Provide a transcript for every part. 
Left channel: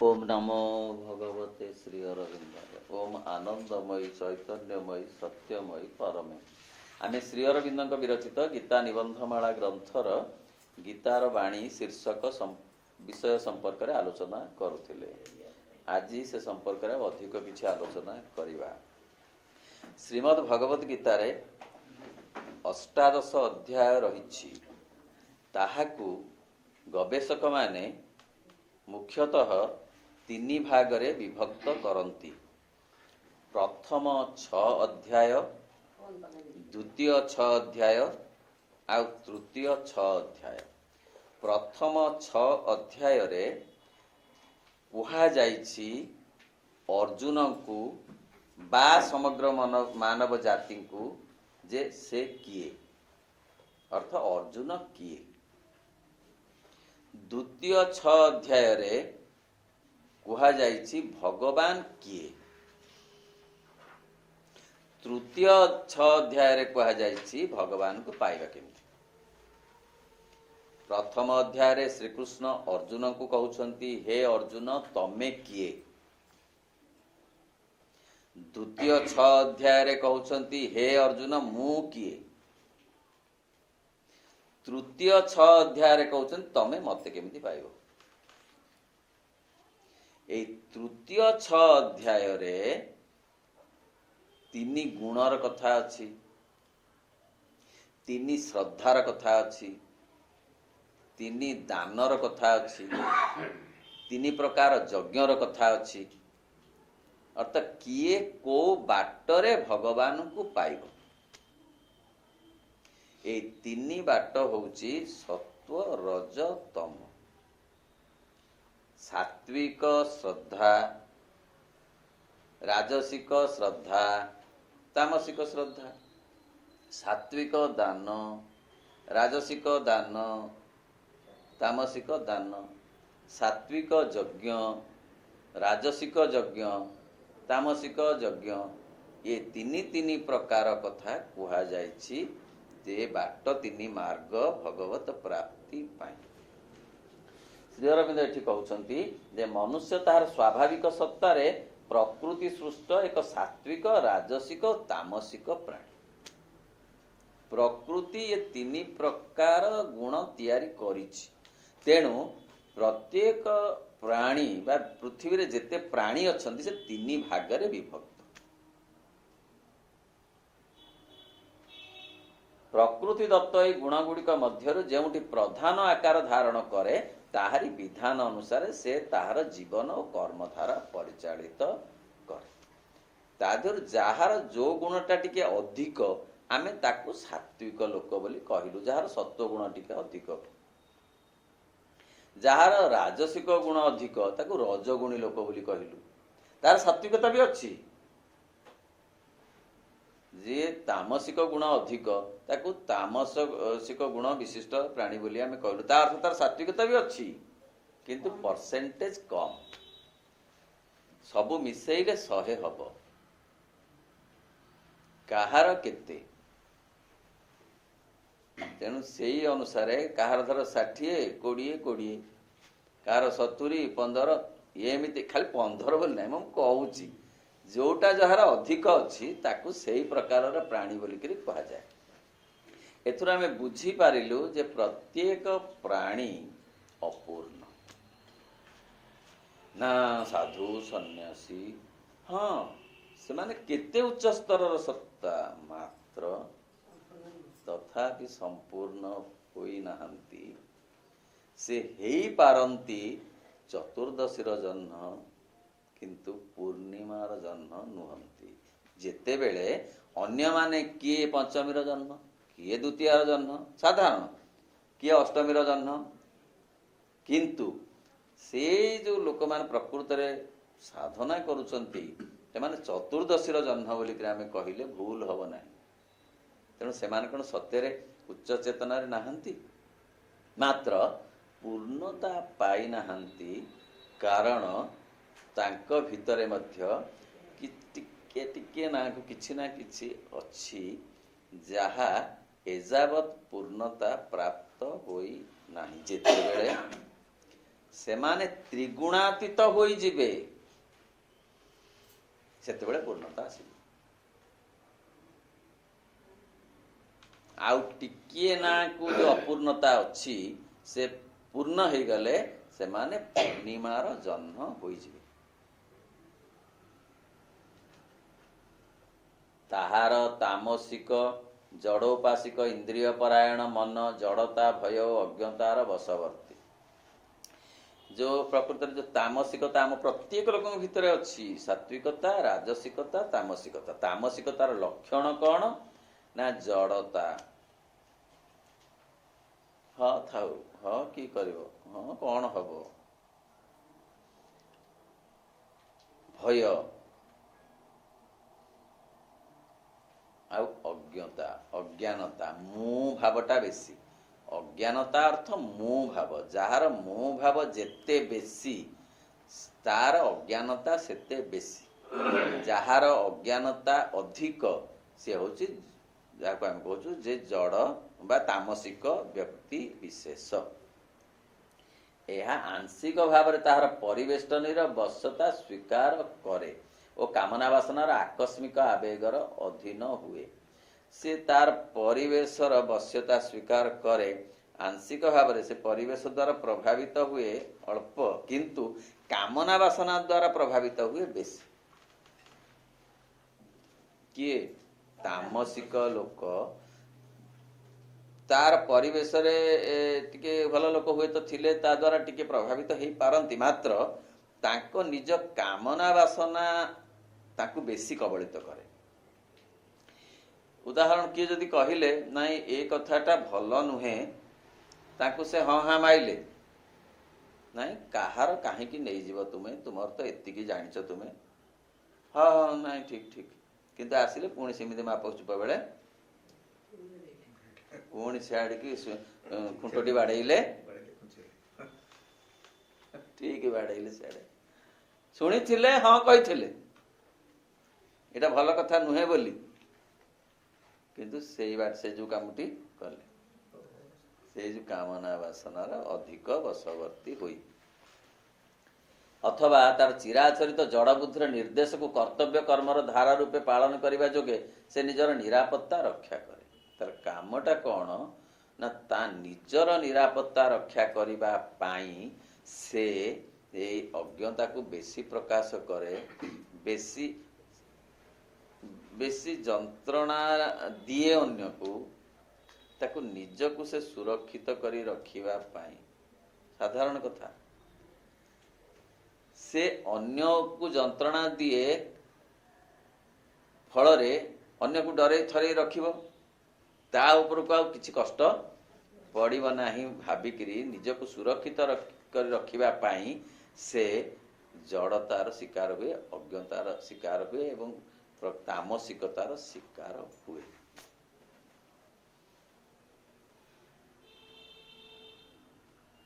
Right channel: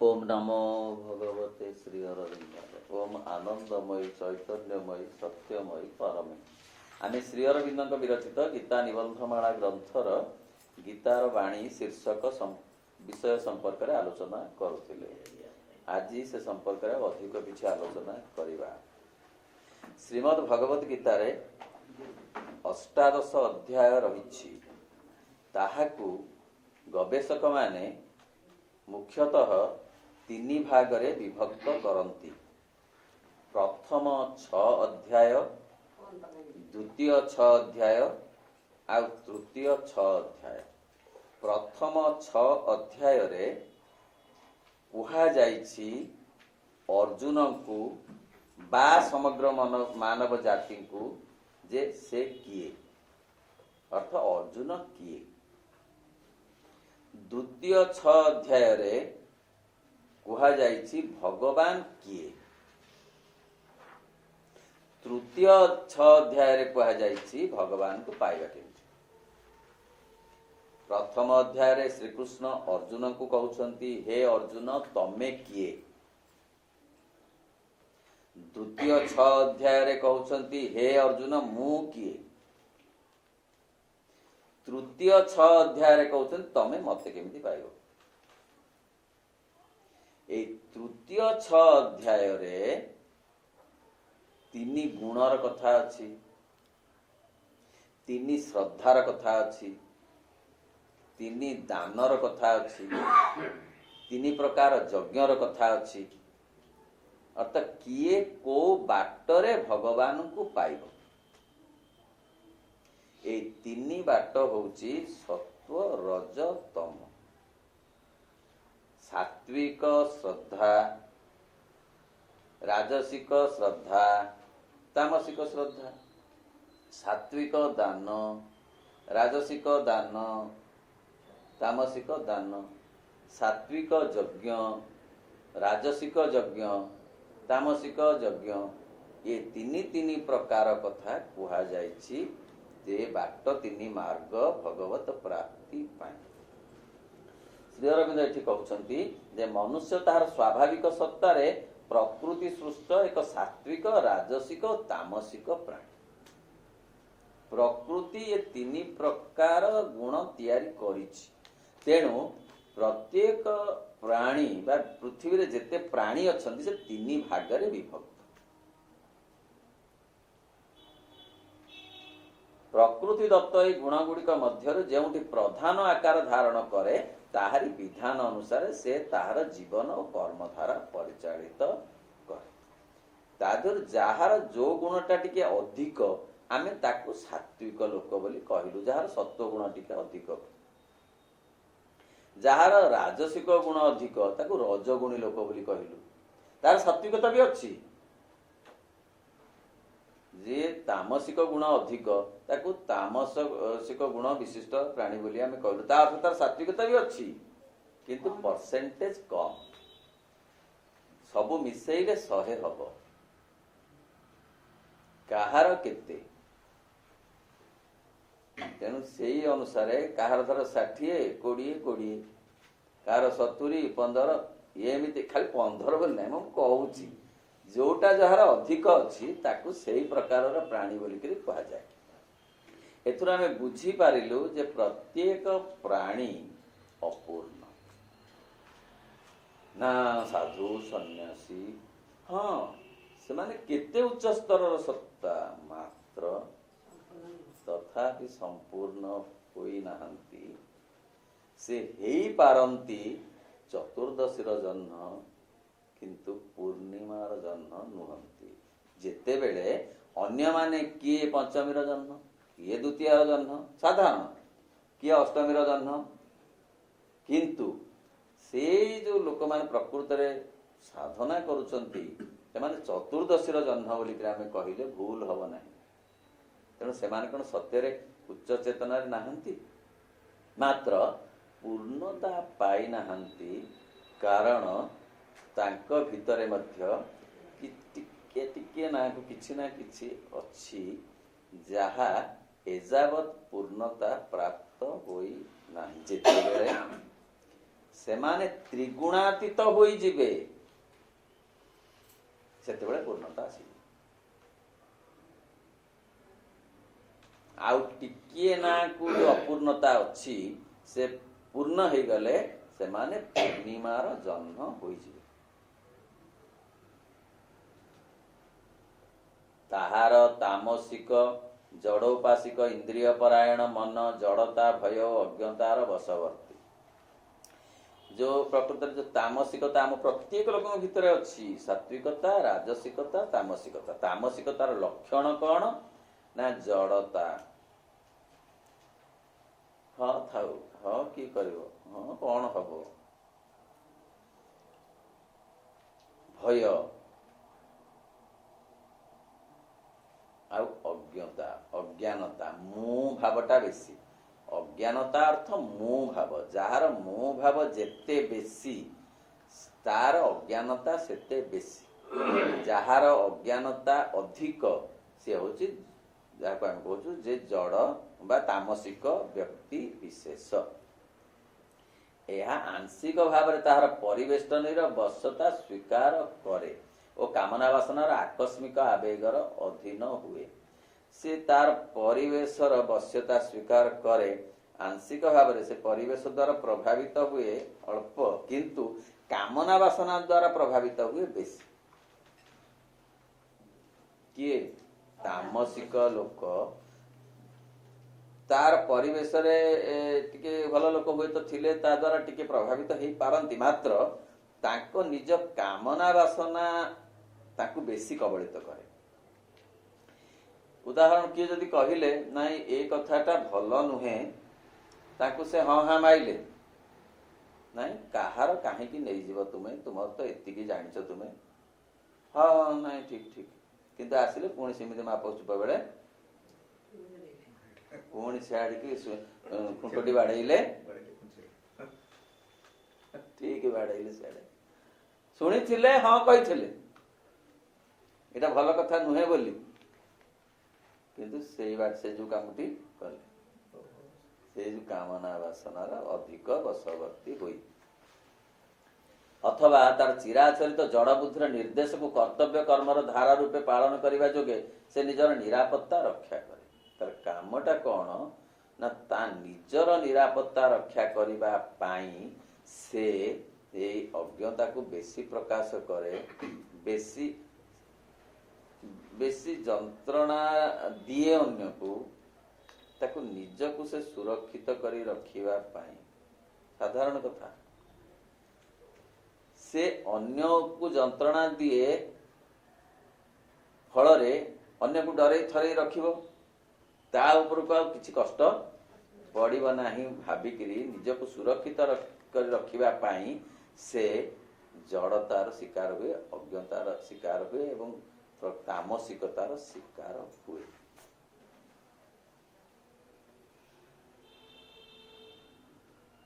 ओम नमो भगवते श्री अरविंद ओम आनंदमयी चैतन्यमयी सत्यमयी परमे आमे श्री अरविंद विरचित गीता निबंधमाला ग्रंथर गीतार वाणी शीर्षक विषय संपर्क में आलोचना करुथिले। आज से संपर्क में अधिक किसी आलोचना करिबा। श्रीमद् भगवत गीतार अष्टादश अध्याय रही ताहाकू गवेषक माने मुख्यतः तीन भागरे विभक्त करती। प्रथम 6 अध्याय, द्वितीय 6 अध्याय आ तृतीय 6 अध्याय। प्रथम 6 अध्याय रे कुहा जाइछि अर्जुन को बा समग्र मानव जाति को जे से किए, अर्थ अर्जुन किए। द्वितीय 6 अध्याय रे कुहा जाइछि भगवान किए। तृतीय 6 अध्याय रे कुहा जाइछि भगवान को पाइबा केमिति। प्रथम अध्याय रे श्री कृष्ण अर्जुन को कहउछंती हे अर्जुन तमे किए। द्वितीय 6 अध्याय रे कहउछंती हे अर्जुन मु किए। तृतीय 6 अध्याय रे कहउछंती तमे मते केमिति पाइबो। ए तृतीय 6 अध्याय रे तीन गुणर कथा अछि, तीन श्रद्धार कथा अछि, तीन दानर कथा अछि, तीन प्रकार यज्ञर कथा अछि। अर्थात किए को बाटरे भगवान को पाइब। ए तीन बाट होउची सत्व रज तम। सात्विक श्रद्धा, राजसिक श्रद्धा, तामसिक श्रद्धा। सात्विक दान, राजसिक दान, तामसिक दान। सात्विक यज्ञ, राजसिक यज्ञ, तामसिक यज्ञ। ये तीन प्रकार कथा कुहा जाइछि जे बाट तीन मार्ग भगवत प्राप्ति पाए। श्री अरविंद एठी कहउछंती जे मनुष्य तार स्वाभाविक सत्तारे प्रकृति सृष्ट एक सात्विक, राजसिक और तामसिक प्राणी। प्रकृति ये तीन प्रकार गुण तैयारी करिछि। तेणु प्रत्येक प्राणी बा पृथ्वी रे जेते प्राणी अछंती से तीन भागरे विभक्त। प्रकृति दत्त ए गुण गुड़िक मध्य जेउठी प्रधान आकार धारण करे ताहारी विधान अनुसार से ताहार जीवन और कर्मधारा परिचालित करे। तादर जहार जो गुणटा टिके अधिक आमे ताकू सात्विक लोक बोली कहिलु। जहार सत्व गुण टिके अधिक, जहार राजसिक गुण अधिक ताकू रजगुणी लोक बोली कहिलु। तार सात्विकता भी अछि। जे तामसिक गुण अधिक ताकू तामसिक गुण विशिष्ट प्राणी बोली आमे कहलु। ता अर्थ तार सात्विकता भी अछि किंतु परसेंटेज कम। सबु मिसेइले 100 हबो। काहार केते तेणु सेई अनुसारे काहार धर 60 20 काहार 70 15 एमिति खाली 15 बोल नै म कहउची। जोटा जहार अधिक अछि ताकू सेई प्रकारर प्राणी बोली करी कहा जाय। एथुरा आमे बुझी पारिलु जे प्रत्येक प्राणी अपूर्ण ना साधु सन्यासी हाँ से माने केते उच्च स्तरर सत्ता मात्र तथापि संपूर्ण होई नाहंती। से हेई पारंती चतुर्दशीर जन्म किंतु पूर्णिमार जन्म नुहंती। जेते बेले अन्य माने किए पंचमीर जन्म, किए द्वितीयर जन्म साधारण, किए अष्टमीर जन्म, किंतु से जो लोक मान प्रकृत रे साधना करूचंती सेमाने चतुर्दशीर जन्म बोली कि आमे कहिले भूल हबो नाही। तेणु सेमाने कोन सत्य रे उच्च चेतना रे नाहंती, मात्र पूर्णता पाई नाहंती। कारण तांक भितरे मध्य कि टिके टिके ना किछि ना किछि अछि जहा एजावत पूर्णता प्राप्त होई नाही। जेते बेले ସେମାନେ ତ୍ରିଗୁଣାତୀତ ହୋଇଯିବେ, ସେତେବେଳେ ପୂର୍ଣ୍ଣତା ଆସିବ। ଆଉ ଟିକିଏ ନାକୁ ଅପୂର୍ଣ୍ଣତା ଅଛି, ସେ ପୂର୍ଣ୍ଣ ହେଇଗଲେ ସେମାନେ ପୂର୍ଣ୍ଣିମାର ଜହ୍ନ ହୋଇଯିବେ। ତାହାର ତାମସିକ ଜଡୋପାସିକ ଇନ୍ଦ୍ରିୟ ପରାୟଣ ମନ ଜଡତା ଭୟ ଓ ଅଜ୍ଞତାର ବଶବର୍ତ୍ତୀ। ଯୋଉ ପ୍ରକୃତରେ ଯୋଉ ତାମସିକତା ଆମ ପ୍ରତ୍ୟେକ ଲୋକଙ୍କ ଭିତରେ ଅଛି, ସାତ୍ವಿକତା, ରାଜସିକତା, ତାମସିକତା। ତାମସିକତାର ଲକ୍ଷଣ କଣ ନା ଜଡତା। ହଁ ଥାଉ, ହଁ କି କରିବ, ହଁ କଣ ହବ, ଭୟ ଆଉ ଅଜ୍ଞତା, ଅଜ୍ଞାନତା, ମୁଁ ଭାବଟା ବେଶୀ। ଅଜ୍ଞାନତା ଅର୍ଥ ମୁଁ ଭାବ। ଯାହାର ମୁଁ ଭାବ ଯେତେ ବେଶୀ ତାର ଅଜ୍ଞାନତା ସେତେ ବେଶୀ। ଯାହାର ଅଜ୍ଞାନତା ଅଧିକ ସେ ହଉଛି ଯାହାକୁ ଆମେ କହୁଛୁ ଯେ ଜଡ଼ ବା ତାମସିକ ବ୍ୟକ୍ତି ବିଶେଷ। ଏହା ଆଂଶିକ ଭାବରେ ତାହାର ପରିବେଷ୍ଟନୀର ବଶ୍ୟତା ସ୍ୱୀକାର କରେ ଓ କାମନା ବାସନାର ଆକସ୍ମିକ ଆବେଗର ଅଧୀନ ହୁଏ। ସେ ତାର ପରିବେଶର ବଶ୍ୟତା ସ୍ୱୀକାର କରେ, ଆଂଶିକ ଭାବରେ ସେ ପରିବେଶ ଦ୍ୱାରା ପ୍ରଭାବିତ ହୁଏ ଅଳ୍ପ, କିନ୍ତୁ କାମନା ବାସନା ଦ୍ୱାରା ପ୍ରଭାବିତ ହୁଏ ବେଶୀ। କିଏ? ତାମସିକ ଲୋକ। ତାର ପରିବେଶରେ ଟିକେ ଭଲ ଲୋକ ହୁଏତ ଥିଲେ ତା ଦ୍ୱାରା ଟିକେ ପ୍ରଭାବିତ ହେଇପାରନ୍ତି, ମାତ୍ର ତାଙ୍କ ନିଜ କାମନା ବାସନା ତାକୁ ବେଶୀ କବଳିତ କରେ। ଉଦାହରଣ କିଏ ଯଦି କହିଲେ ନାଇଁ ଏ କଥାଟା ଭଲ ନୁହେଁ, ତାଙ୍କୁ ସେ ହଁ ହାଁ ମାଇଲେ, ନାଇଁ କାହାର କାହିଁକି ନେଇଯିବ ତୁମେ, ତୁମର ତ ଏତିକି ଜାଣିଛ ତୁମେ, ହଁ ନାଇଁ ଠିକ ଠିକ, କିନ୍ତୁ ଆସିଲେ ପୁଣି ସେମିତି ମାପ ଚୁପ ବେଳେ ପୁଣି ସିଆଡ଼ିକି ଖୁଣ୍ଟଟି ବାଡ଼େଇଲେ, ଠିକ ବାଡ଼େଇଲେ ସିଆଡ଼େ। ଶୁଣିଥିଲେ, ହଁ କହିଥିଲେ ଏଇଟା ଭଲ କଥା ନୁହେଁ ବୋଲି, କିନ୍ତୁ ସେଇ ସେ ଯୋଉ କାମଟି କଲେ, ସେଇ ଯୋଉ କାମନା ବାସନାର ଅଧିକ ବଶବର୍ତ୍ତୀ ହୋଇ, ଅଥବା ତାର ଚିରାଚରିତ ଜଡ଼ ବୁଦ୍ଧିର ନିର୍ଦ୍ଦେଶକୁ କର୍ତ୍ତବ୍ୟ କର୍ମର ଧାରା ରୂପେ ପାଳନ କରିବା ଯୋଗେ ସେ ନିଜର ନିରାପତ୍ତା ରକ୍ଷା କରେ। ତାର କାମଟା କଣ ନା ତା ନିଜର ନିରାପତ୍ତା ରକ୍ଷା କରିବା ପାଇଁ ସେ ଏଇ ଅଜ୍ଞତାକୁ ବେଶୀ ପ୍ରକାଶ କରେ, ବେଶୀ ବେଶୀ ଯନ୍ତ୍ରଣା ଦିଏ ଅନ୍ୟକୁ, ତାକୁ ନିଜକୁ ସେ ସୁରକ୍ଷିତ କରି ରଖିବା ପାଇଁ। ସାଧାରଣ କଥା, ସେ ଅନ୍ୟକୁ ଯନ୍ତ୍ରଣା ଦିଏ ଫଳରେ ଅନ୍ୟକୁ ଡରେଇ ଥରେଇ ରଖିବ, ତା ଉପରକୁ ଆଉ କିଛି କଷ୍ଟ ପଡ଼ିବ ନାହିଁ ଭାବିକିରି ନିଜକୁ ସୁରକ୍ଷିତ କରି ରଖିବା ପାଇଁ ସେ ଜଡ଼ତାର ଶିକାର ହୁଏ, ଅଜ୍ଞତାର ଶିକାର ହୁଏ ଏବଂ ତାମସିକତାର ଶିକାର ହୁଏ।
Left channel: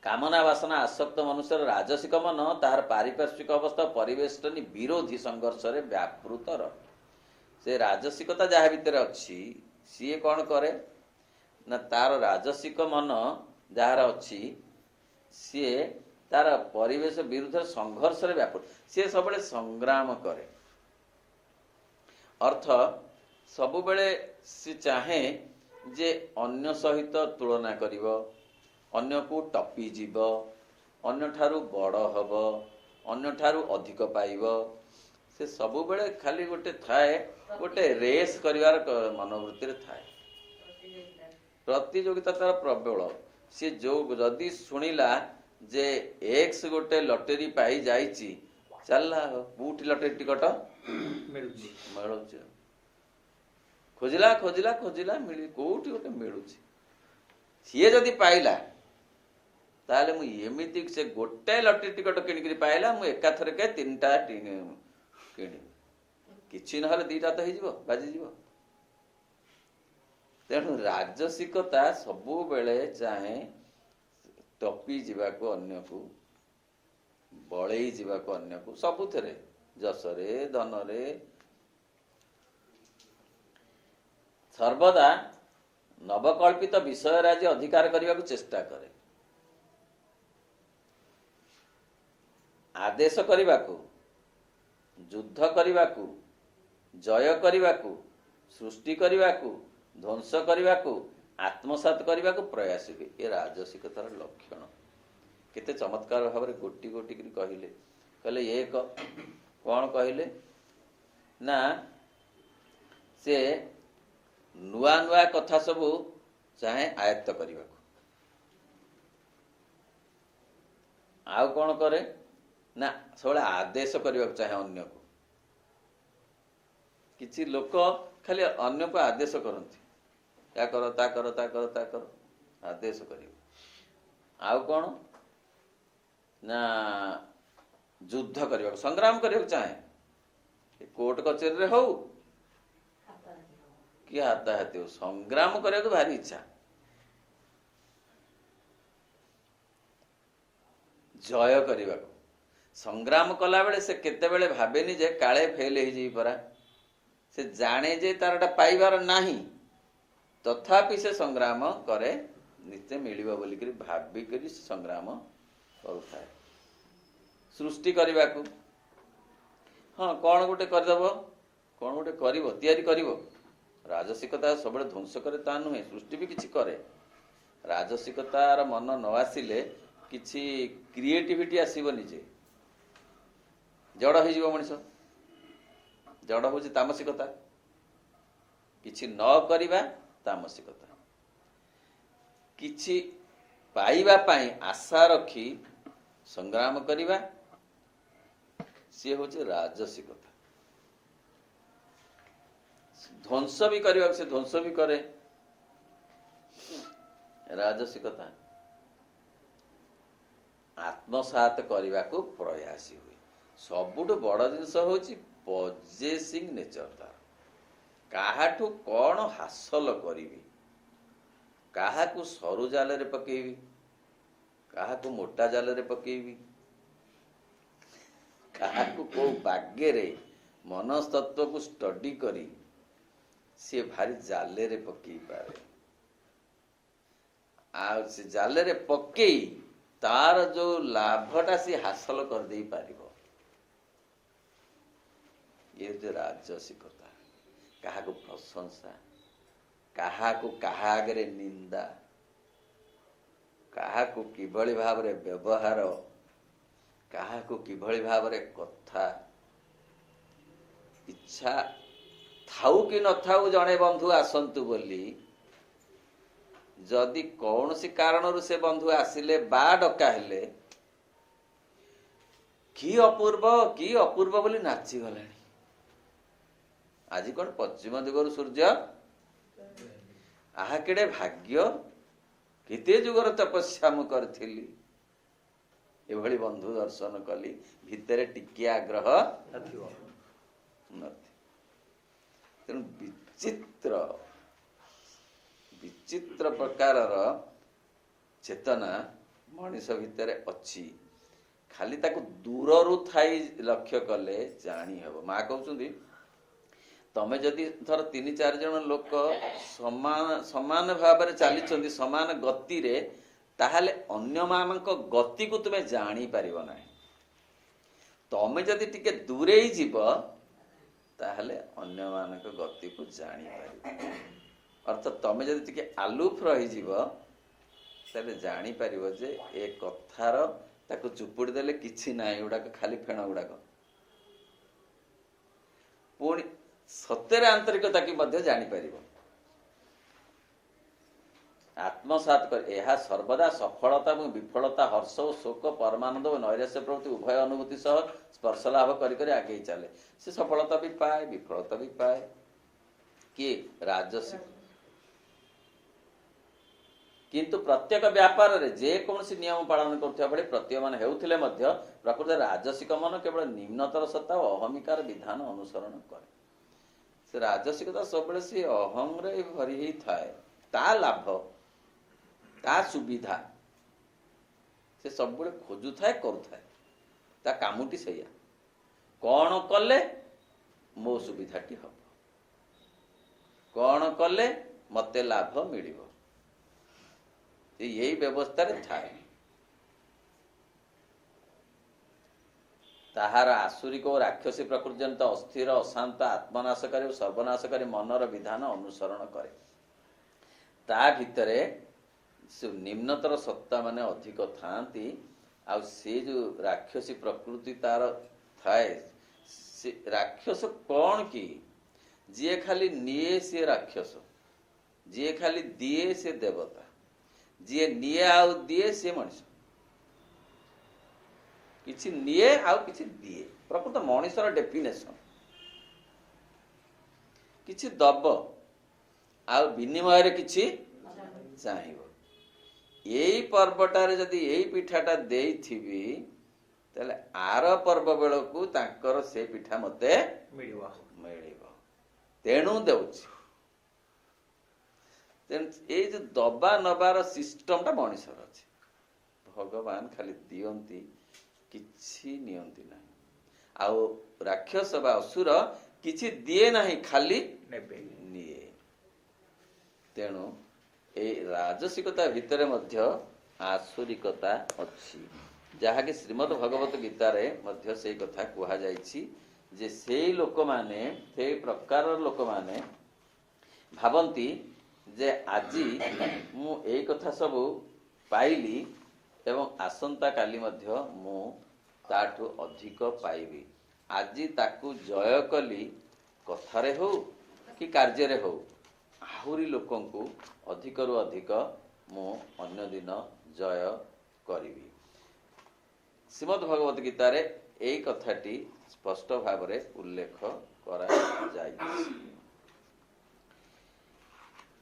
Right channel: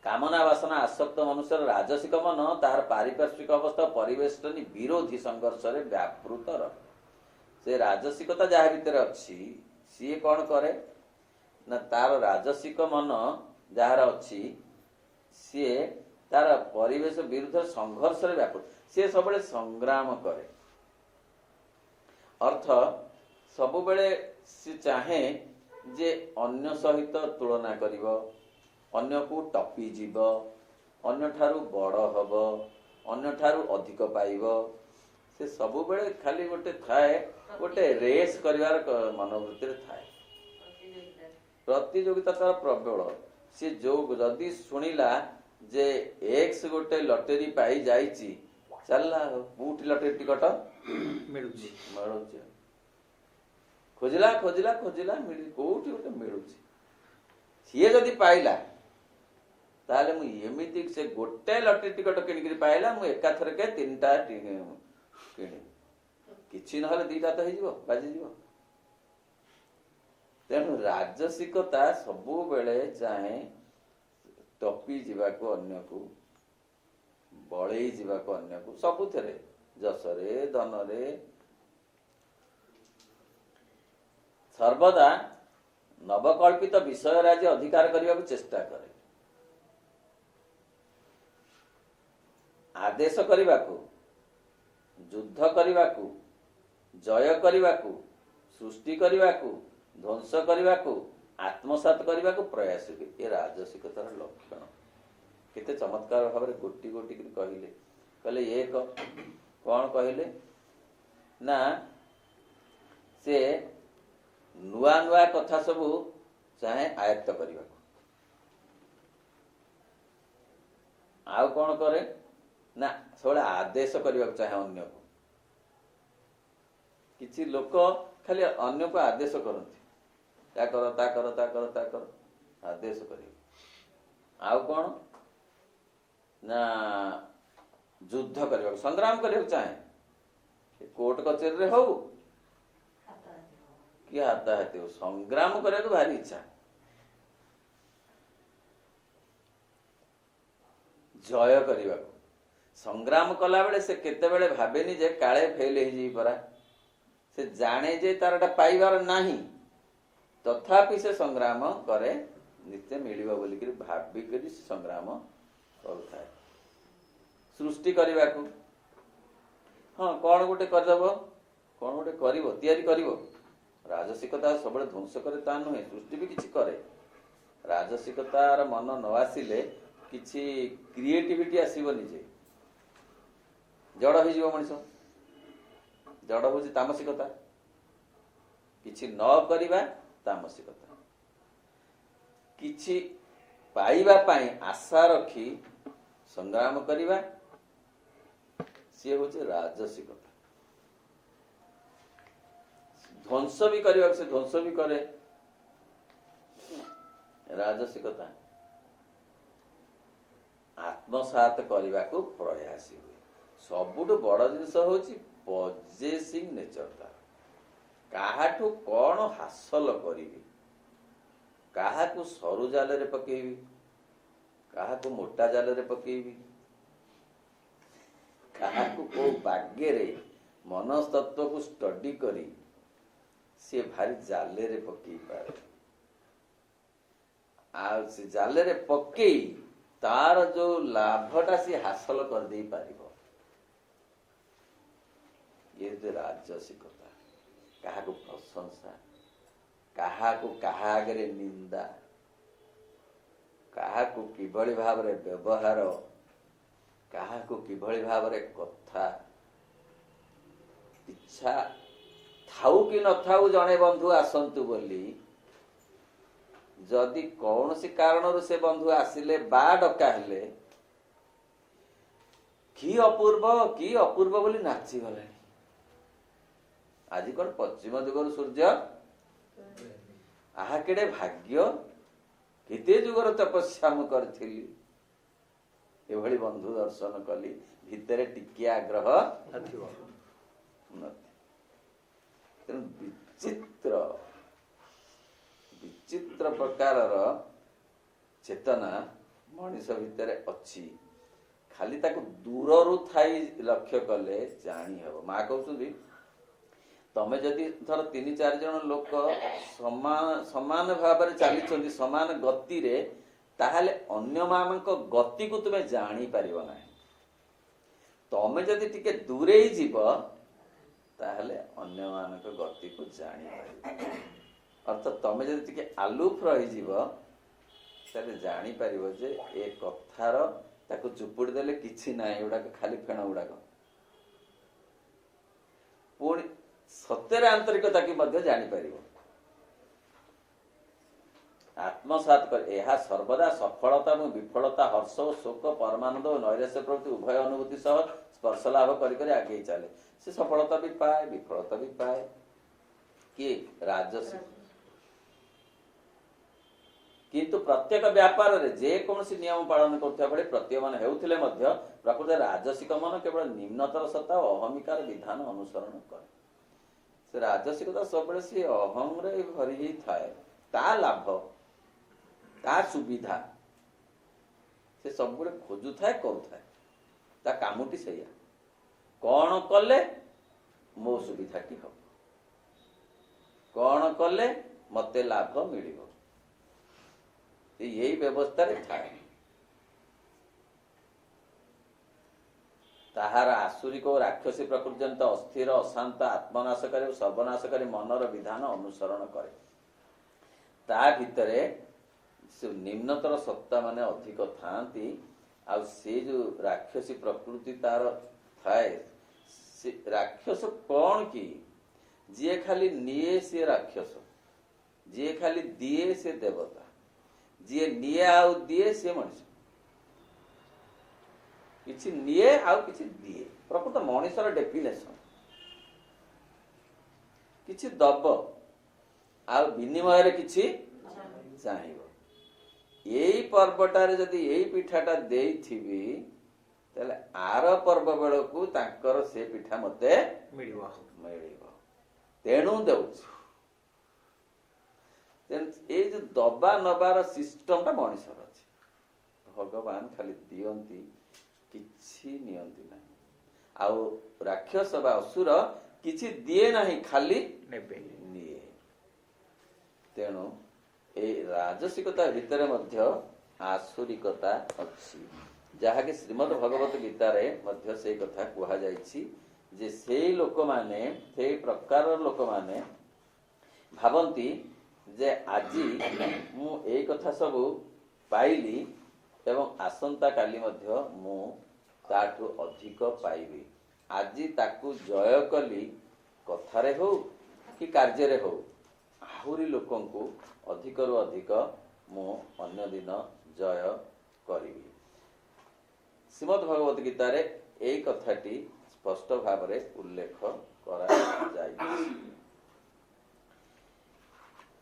କାମନା ବାସନା ଆସକ୍ତ ମନୁଷ୍ୟର ରାଜସିକ ମନ ତାହାର ପାରିପାର୍ଶ୍ୱିକ ଅବସ୍ଥା ପରିବେଷ୍ଟନୀ ବିରୋଧୀ ସଂଘର୍ଷରେ ବ୍ୟାପୃତ ରହେ। ସେ ରାଜସିକତା ଯାହା ଭିତରେ ଅଛି ସିଏ କଣ କରେ ନା ତାର ରାଜସିକ ମନ ଯାହାର ଅଛି ସିଏ ତାର ପରିବେଶ ବିରୁଦ୍ଧରେ ସଂଘର୍ଷରେ ବ୍ୟାପୃତ, ସିଏ ସବୁବେଳେ ସଂଗ୍ରାମ କରେ। ଅର୍ଥ ସବୁବେଳେ ସେ ଚାହେଁ ଯେ ଅନ୍ୟ ସହିତ ତୁଳନା କରିବ, ଅନ୍ୟକୁ ଟପି ଯିବ, ଅନ୍ୟଠାରୁ ବଡ଼ ହବ, ଅନ୍ୟଠାରୁ ଅଧିକ ପାଇବ। ସେ ସବୁବେଳେ ଖାଲି ଗୋଟେ ଥାଏ, ଗୋଟେ ରେସ୍ କରିବାର ମନୋବୃତ୍ତିରେ ଥାଏ। ପ୍ରତିଯୋଗିତା ତାର ପ୍ରବଳ। ସେ ଯୋଉ ଯଦି ଶୁଣିଲା ଯେ ଏକ୍ସ ଗୋଟେ ଲଟେରୀ ପାଇ ଯାଇଛି, ଚାଲିଲା କୋଉଠି ଲଟେରୀ ଟିକଟ ମିଳୁଛି, ଖୋଜିଲା ଖୋଜିଲା ଖୋଜିଲା କୋଉଠି ଗୋଟେ ମିଳୁଛି। ସିଏ ଯଦି ପାଇଲା ତାହେଲେ ମୁଁ ଏମିତି ସେ ଗୋଟାଏ ଲଟେରୀ ଟିକଟ କିଣିକିରି ପାଇଲା, ମୁଁ ଏକାଥରକେ 3ଟା କିଣିବି, କିଛି ନହେଲେ 2ଟା ତ ହେଇଯିବ, ବାଜିଯିବ। ତେଣୁ ରାଜସିକତା ସବୁବେଳେ ଚାହେଁ ଟପି ଯିବାକୁ ଅନ୍ୟକୁ, ବଳେଇ ଯିବାକୁ ଅନ୍ୟକୁ, ସବୁଥିରେ, ଯଶରେ ଧନରେ, ସର୍ବଦା ନବକଳ୍ପିତ ବିଷୟ ରାଜି ଅଧିକାର କରିବାକୁ ଚେଷ୍ଟା କରେ। आदेश करने युद्ध करने जय करने सृष्टि करने ध्वंस करने आत्मसात करने प्रयास हुए। ये राजसिकतार लक्षण। केते चमत्कार भाव में गोटी गोटी कहले कहले एक कौन कहले ना से नुआ नुआ कथा सबू चाहे आयत्त करने आउ कौन करे ना सब आदेश करने चाहे अन्य को। किछि लोक खाली अन्य को आदेश करती या करो ता करो ता करो ता करो आदेश कर। आउ कौन ना युद्ध करने संग्राम करने चाहे कोर्ट कचेरी हो कि हाथाहाथी हो संग्राम करने को भारी इच्छा। जय करने संग्राम कला बेले से केते बेले भावेनी जे काले फेल हो जी परा से जाने जे तारटा पाइबार नाही तथापि से संग्राम करे निश्चय मिलिबा बोली करी भाबी करी संग्राम करुଥାଏ। सृष्टि करने को हाँ कौन गोटे करदेव कौन गोटे करिवो तैयारी करिवो। राजसिकता सब ध्वंस करे ता नुहे सृष्टि भी किछि करे। राजसिकतार मन न आसिले किछि क्रिएटिविटी आसीबनी जे जड़ हो जीव मनीष। जड़ हूँ तामसिकता किछि न करिबा तामसिकता किछि पाइबा पाई आशा रखी संग्राम करिबा सी हूँ राजसिकता। ध्वंस भी करने से ध्वंस भी करे राजसिकता। आत्मसात करने को प्रयासी हुए। सबुठ बड़ जिनस हूँ पजेसिंग नेचर तार काहाठू कौन हासिल करी काहाकू सरू जाल रे पकेबी काहाकू मोटा जाल रे पकेबी काहाकू को भाग्य रे मनस्तत्व को स्टडी करी सी भारी जाले रे पकई पारे आ से जाले रे पकई तार जो लाभटा सी हासिल कर दे पारिबो। ये राजसिकता काहाकू प्रशंसा काहाकू काहा आगे निंदा काहाकू किभली भाव रे व्यवहार काहाकू किभली भाव रे कथा इच्छा थाऊ कि न थाऊ जड़े बंधु आसंतु बोली जदि कौन सी कारण से बंधु आसिले बा डका हेले कि अपूर्व बोली नाची गलानी। आज कौन पश्चिम दिगरु सूर्य आहा केड़े भाग्य केते जुगर तपस्या मु करथिली एभली बंधु दर्शन कली भितरे टिके आग्रह नथिबो तेणु विचित्र प्रकार चेतना मनीष भितर अच्छी खाली ताकू दूररू थाई लक्ष्य कले जानी हबो। माँ कहउछंदी तमे जदि थर 3-4 जन लोक समान भाव में चली समान गति रे ताहले अन्य मानक गति को तुमे जानी पारिबो ना। तमे जदि टिके दूरे ही जीव ताहले अन्य मानक गति को जानी पारिबो। अर्थात तमे जदि टिके आलूफ रही जीव ताहले जानी पारिबो जे ए कथार ताको चुपुड़ी देले किछि नाही उडाक खाली फेण उडाक पुणी सत्यर आंतरिकता की मध्य जानी पारिबो। आत्मसात कर यह सर्वदा सफलता और विफलता हर्ष और शोक परमानंद और नैराश्य प्रवृत्ति उभय अनुभूति सह स्पर्श लाभ कर आगे चले से सफलता भी पाए विफलता भी पाए कि राजसिक। किंतु प्रत्येक व्यापार रे जे कौन नियम पालन करथिया बळे प्रत्ययमान हेउथिले मध्य प्रकृत राजसिक मन केवल निम्नतर सत्ता और अहमिकार विधान अनुसरण करे। से राजसिकता सब से अहम रे भरी ही थाए ता लाभ ता सुविधा से सब खोजु थाए करू थाए ता कामुटी सैया कौन कले मो सुविधाटी हम कौन कले मते लाभ मिलिबो यही व्यवस्था रे थाए। ତାହାର ଆସୁରିକ ଓ ରାକ୍ଷସୀ ପ୍ରକୃତି ଜନିତ ଅସ୍ଥିର ଅଶାନ୍ତ ଆତ୍ମନାଶକାରୀ ଓ ସର୍ବନାଶକାରୀ ମନର ବିଧାନ ଅନୁସରଣ କରେ। ତା ଭିତରେ ନିମ୍ନତର ସତ୍ତା ମାନେ ଅଧିକ ଥାଆନ୍ତି। ଆଉ ସେ ଯୋଉ ରାକ୍ଷସୀ ପ୍ରକୃତି ତାର ଥାଏ, ସେ ରାକ୍ଷସ କଣ କି? ଯିଏ ଖାଲି ନିଏ ସିଏ ରାକ୍ଷସ, ଯିଏ ଖାଲି ଦିଏ ସେ ଦେବତା, ଯିଏ ନିଏ ଆଉ ଦିଏ ସିଏ ମଣିଷ। କିଛି ନିଏ ଆଉ କିଛି ଦିଏ, ପ୍ରକୃତ ମଣିଷର ଡେଫିନେସନ। କିଛି ଦବ ଆଉ ବିନିମୟରେ କିଛି ଚାହିଁବ। ଏଇ ପର୍ବଟାରେ ଯଦି ଏଇ ପିଠାଟା ଦେଇଥିବି, ତାହେଲେ ଆର ପର୍ବ ବେଳକୁ ତାଙ୍କର ସେ ପିଠା ମତେ ମିଳିବ। ତେଣୁ ଦେଉଛି। ତେଣୁ ଏଇ ଯୋଉ ଦବା ନବାର ସିଷ୍ଟମଟା ମଣିଷର ଅଛି। ଭଗବାନ ଖାଲି ଦିଅନ୍ତି, କିଛି ନିଅନ୍ତି ନାହିଁ। ଆଉ ରାକ୍ଷସ ବା ଅସୁର କିଛି ଦିଏ ନାହିଁ, ଖାଲି ନିଏ। ତେଣୁ ଏଇ ରାଜସିକତା ଭିତରେ ମଧ୍ୟ ଆସୁରିକତା ଅଛି, ଯାହାକି ଶ୍ରୀମଦ ଭଗବତ ଗୀତାରେ ମଧ୍ୟ ସେଇ କଥା କୁହାଯାଇଛି ଯେ ସେଇ ଲୋକମାନେ, ସେଇ ପ୍ରକାରର ଲୋକମାନେ ଭାବନ୍ତି ଯେ ଆଜି ମୁଁ ଏଇ କଥା ସବୁ ପାଇଲି ଏବଂ ଆସନ୍ତା କାଲି ମଧ୍ୟ ମୁଁ ତାଠୁ ଅଧିକ ପାଇବି। ଆଜି ତାକୁ ଜୟ କଲି, କଥାରେ ହଉ କି କାର୍ଯ୍ୟରେ ହଉ, ଆହୁରି ଲୋକଙ୍କୁ ଅଧିକରୁ ଅଧିକ ମୁଁ ଅନ୍ୟ ଦିନ ଜୟ କରିବି। ଶ୍ରୀମଦ ଭଗବତ ଗୀତାରେ ଏଇ କଥାଟି ସ୍ପଷ୍ଟ ଭାବରେ ଉଲ୍ଲେଖ କରାଯାଇଛି,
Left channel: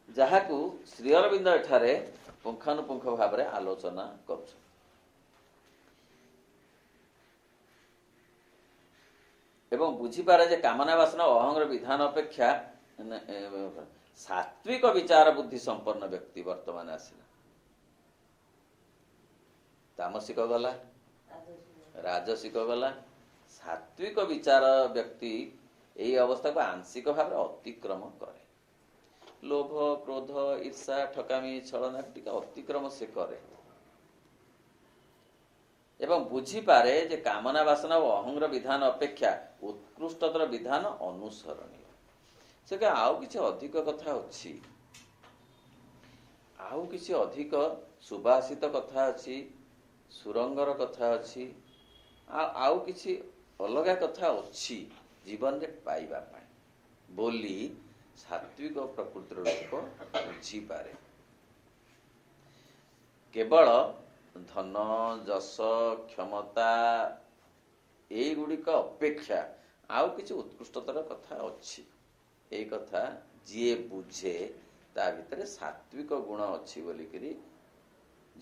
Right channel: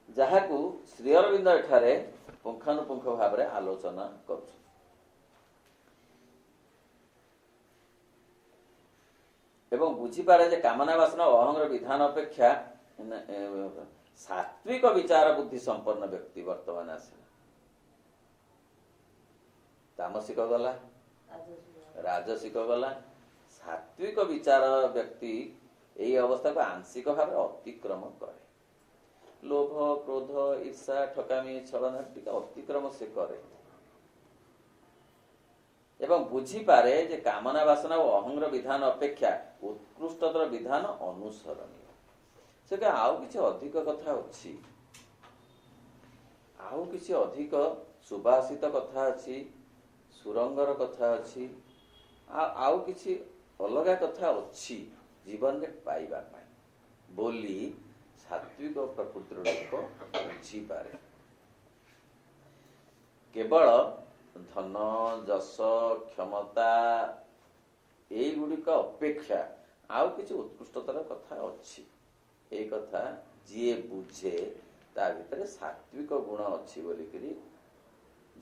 ଯାହାକୁ ଶ୍ରୀ ଅରବିନ୍ଦ ଏଠାରେ ପୁଙ୍ଖାନୁପୁଙ୍ଖ ଭାବରେ ଆଲୋଚନା କରୁଛନ୍ତି। ଏବଂ ବୁଝିପାରେ ଯେ କାମନା ବାସନା ଓ ଅହଂର ବିଧାନ ଅପେକ୍ଷା ସାତ୍ବିକ ବିଚାର ବୁଦ୍ଧି ସମ୍ପନ୍ନ ବ୍ୟକ୍ତି ବର୍ତ୍ତମାନ ଆସିଲା। ତାମସିକ ଗଲା, ରାଜସିକ ଗଲା, ସାତ୍ବିକ ବିଚାର ବ୍ୟକ୍ତି ଏଇ ଅବସ୍ଥାକୁ ଆଂଶିକ ଭାବରେ ଅତିକ୍ରମ କରେ। ଲୋଭ, କ୍ରୋଧ, ଈର୍ଷା, ଠକାମି, ଛଳନା ଟିକେ ଅତିକ୍ରମ ସେ କରେ ଏବଂ ବୁଝିପାରେ ଯେ କାମନା ବାସନା ଓ ଅହଂର ବିଧାନ ଅପେକ୍ଷା ଉତ୍କୃଷ୍ଟତର ବିଧାନ ଅନୁସରଣୀୟ। ସେ ଆଉ କିଛି ଅଧିକ କଥା ଅଛି, ଆଉ କିଛି ଅଧିକ ସୁଭାଷିତ କଥା ଅଛି, ସୁରଙ୍ଗର କଥା ଅଛି, ଆଉ କିଛି ଅଲଗା କଥା ଅଛି ଜୀବନରେ ପାଇବା ପାଇଁ ବୋଲି ସାତ୍ବିକ ପ୍ରକୃତିର ଲୋକ ବୁଝିପାରେ। କେବଳ ଧନ, ଯଶ, କ୍ଷମତା ଏଇଗୁଡ଼ିକ ଅପେକ୍ଷା ଆଉ କିଛି ଉତ୍କୃଷ୍ଟତର କଥା ଅଛି, ଏଇ କଥା ଯିଏ ବୁଝେ ତା ଭିତରେ ସାତ୍ବିକ ଗୁଣ ଅଛି ବୋଲିକିରି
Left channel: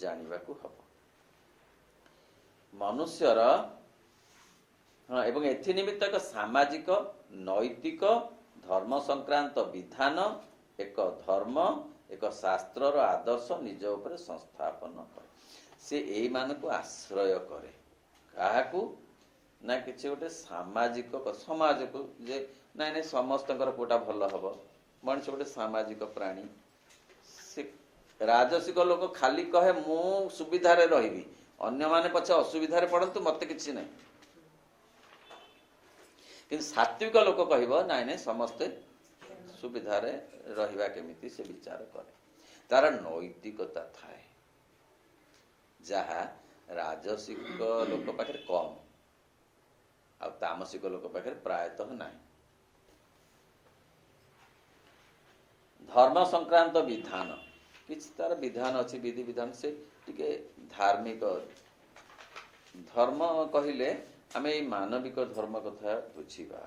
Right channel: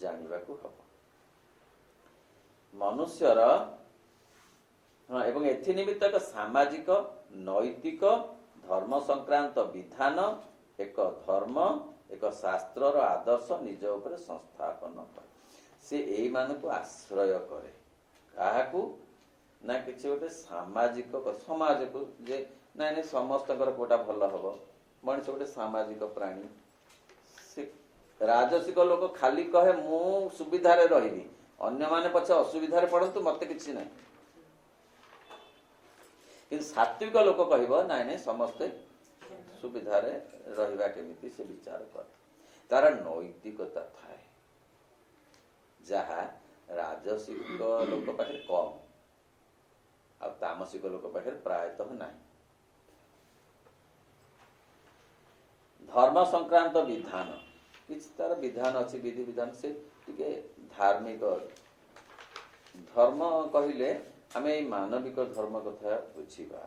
ଜାଣିବାକୁ ହବ। ମନୁଷ୍ୟର ଏବଂ ଏଥି ନିମିତ୍ତ ଏକ ସାମାଜିକ, ନୈତିକ, ଧର୍ମ ସଂକ୍ରାନ୍ତ ବିଧାନ, ଏକ ଧର୍ମ, ଏକ ଶାସ୍ତ୍ରର ଆଦର୍ଶ ନିଜ ଉପରେ ସଂସ୍ଥାପନ କରେ। ସେ ଏଇମାନଙ୍କୁ ଆଶ୍ରୟ କରେ। କାହାକୁ ନା କିଛି ଗୋଟେ ସାମାଜିକ ସମାଜକୁ, ଯେ ନାଇଁ ନାଇଁ ସମସ୍ତଙ୍କର କୋଉଟା ଭଲ ହବ। ମଣିଷ ଗୋଟେ ସାମାଜିକ ପ୍ରାଣୀ। ସେ ରାଜସିକ ଲୋକ ଖାଲି କହେ ମୁଁ ସୁବିଧାରେ ରହିବି, ଅନ୍ୟମାନେ ପଛେ ଅସୁବିଧାରେ ପଡନ୍ତୁ, ମତେ କିଛି ନାହିଁ। କିନ୍ତୁ ସାତ୍ବିକ ଲୋକ କହିବ ନାଇଁ ନାଇଁ ସମସ୍ତେ ସୁବିଧାରେ ରହିବା କେମିତି ସେ ବିଚାର କରେ। ତାର ନୈତିକତା ଥାଏ, ଯାହା ରାଜସିକ ଲୋକ ପାଖରେ କମ୍ ଆଉ ତାମସିକ ଲୋକ ପାଖରେ ପ୍ରାୟତଃ ନାହିଁ। ଧର୍ମ ସଂକ୍ରାନ୍ତ ବିଧାନ, କିଛି ତାର ବିଧାନ ଅଛି, ବିଧି ବିଧାନ, ସେ ଟିକେ ଧାର୍ମିକ। ଧର୍ମ କହିଲେ ଆମେ ଏଇ ମାନବିକ ଧର୍ମ କଥା ବୁଝିବା,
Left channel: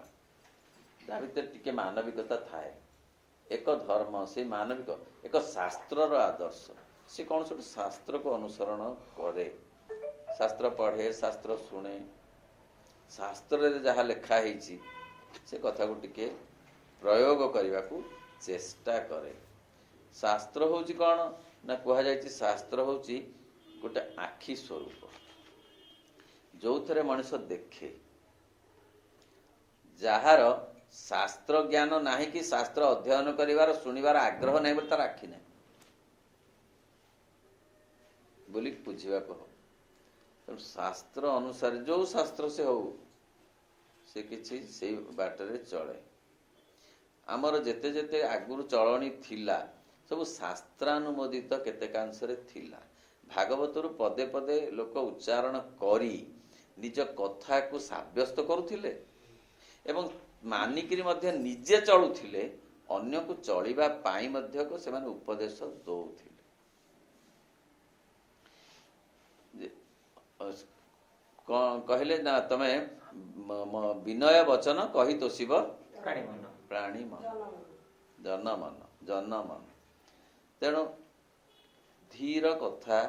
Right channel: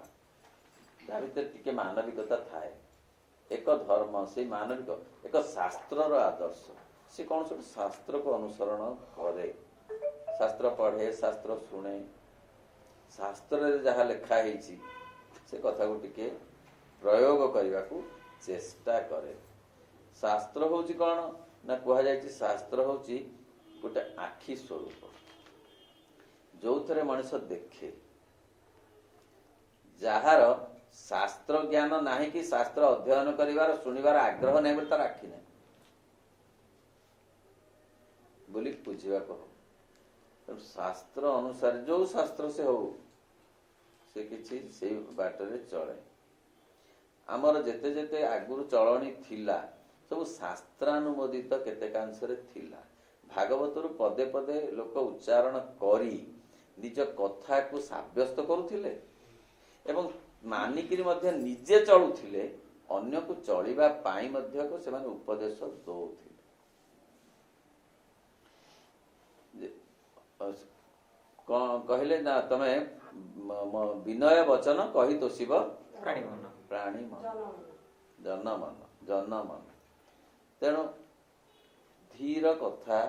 ତା ଭିତରେ ଟିକେ ମାନବିକତା ଥାଏ। ଏକ ଧର୍ମ, ସେଇ ମାନବିକ, ଏକ ଶାସ୍ତ୍ରର ଆଦର୍ଶ। ସେ କୌଣସି ଗୋଟେ ଶାସ୍ତ୍ରକୁ ଅନୁସରଣ କରେ, ଶାସ୍ତ୍ର ପଢେ, ଶାସ୍ତ୍ର ଶୁଣେ, ଶାସ୍ତ୍ରରେ ଯାହା ଲେଖା ହେଇଛି ସେ କଥାକୁ ଟିକେ ପ୍ରୟୋଗ କରିବାକୁ ଚେଷ୍ଟା କରେ। ଶାସ୍ତ୍ର ହଉଛି କଣ ନା କୁହାଯାଇଛି, ଶାସ୍ତ୍ର ହଉଛି ଗୋଟେ ଆଖି ସ୍ୱରୂପ, ଯୋଉଥିରେ ମଣିଷ ଦେଖେ। ଯାହାର ଶାସ୍ତ୍ର ଜ୍ଞାନ ନାହିଁ କି ଶାସ୍ତ୍ର ଅଧ୍ୟୟନ କରିବାର, ଶୁଣିବାର ଆଗ୍ରହ ନାହିଁ ବୋଲି ତାର ଆଖି ନାହିଁ ବୋଲି ବୁଝିବାକୁ ହବ। ତେଣୁ ଶାସ୍ତ୍ର ଅନୁସାରେ ଯୋଉ ଶାସ୍ତ୍ର ସେ ହଉ, से किछि सेई बाटरे चले। आमर जेते जेते आगुरु चलणी थिला सब शास्त्रानुमोदित केतेकांशरे थिला। भागवतरु पदे पदे लोक उच्चारण करी निज कथा को साब्यस्त करुथिले एवं मानिकिरी मध्य निजे चलुथिले, अन्य को चलिबा पाई मध्य को सेमाने उपदेश दउथिले। कहले ना तमे विनय वचन कही तो शिव प्राणी मन जन मन। तेणु धीर कथा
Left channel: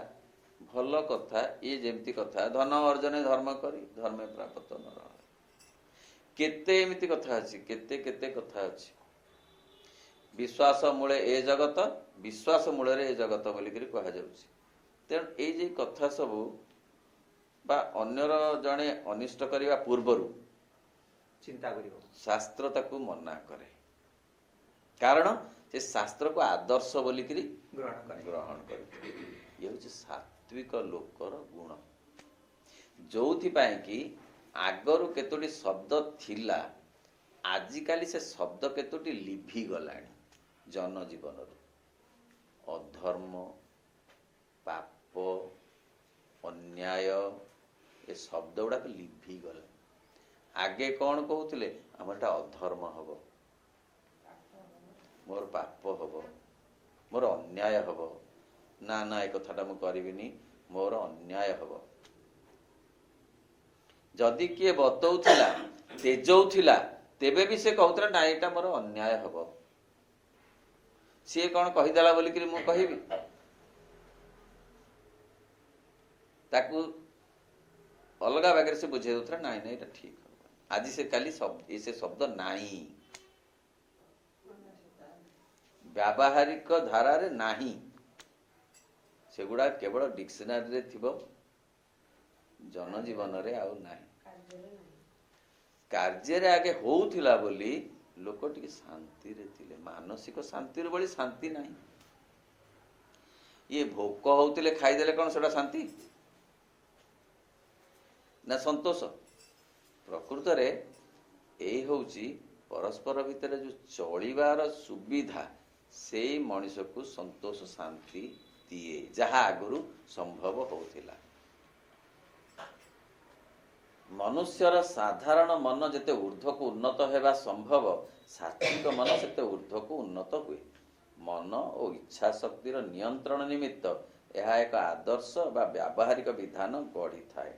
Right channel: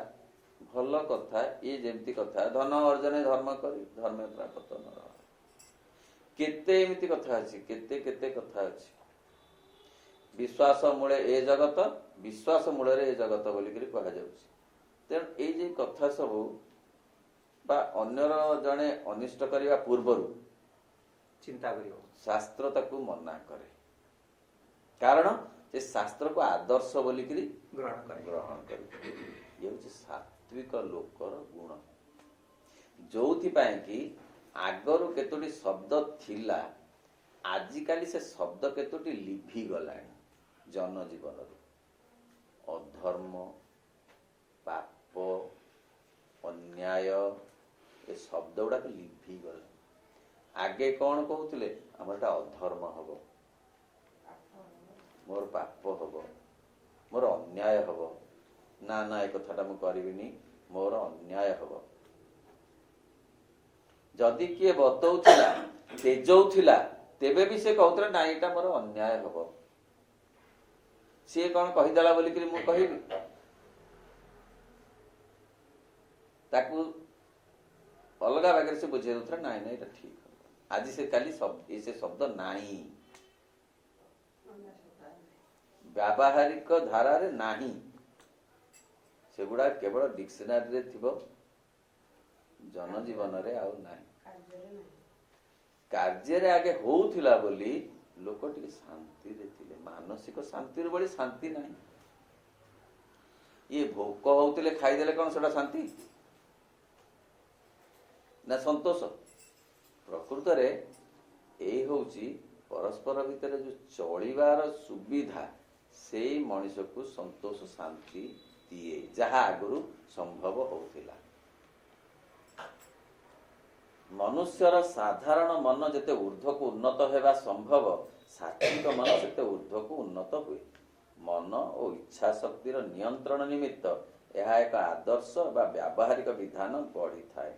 भल कथा ये जेमती कथा धन अर्जन धर्म करी धर्म प्राप्त नर केते एमिति कथा अछि, केते केते कथा अछि। विश्वास मूले ए जगत, विश्वास मूल रे ए जगत बोली करी कहा जाउछि। तेणु ए जे कथा सब बा अन्यर जने अनिष्ट करिवा पूर्वरु चिंता करियो शास्त्र ताकू मना करे, कारण से शास्त्र को आदर्श बोली करी ग्रहण करे। ये हूँ सात्विक लोकर गुण, जोथि पाए कि आगरु केतोटी शब्द थिला, आजिकाली से शब्द केतोटी लिभि गलानी जनजीवन। अधर्म, पाप, अन्याय ये शब्द गुड़ा तो लिभि गला। आगे कौन कहते आमर अधर्म हम, मोर पाप हम, मोर अन्याय हम, ना ना एक कथाटा मु करिबिनी, मोर अन्याय हम। जदि किए बतौथिला तेजौथिला तेबे भी से कहउतरा ना एटा मोर अन्याय हम। सी कौन कहीदेला बोली कि मु कहिबी ताकू अलगा बागरे से बुझे उतरा नाई ना एटा ठीक हम। आज से काली शब्द ऐसे शब्द नाही, व्यावहारिक धारा रे नाही, सेगुड़ा केवल डिक्शनरी रे थिबो, जनजीवन रे आउ नाही। कार्य रे आगे होउथिला बोली लोक टिके शांति रे थिले, मानसिक शांति रे बोली शांति नाही। ये भोक होउथिले खाई देले कोन सेटा शांति ना संतोष? प्रकृत रे एई होउची परस्पर भितर जो चलिबार सुविधा से मनुष्य को संतोष शांति दिए, जहा आगुरु संभव होउथिला। मनुष्यर साधारण मन जेते ऊर्ध्व को उन्नत हेबा संभव, सात्विक मन सेते ऊर्ध्व को उन्नत हुए। मन और इच्छा शक्तिर नियंत्रण निमित्त यह एक आदर्श बा व्यावहारिक विधान बढ़ी थाए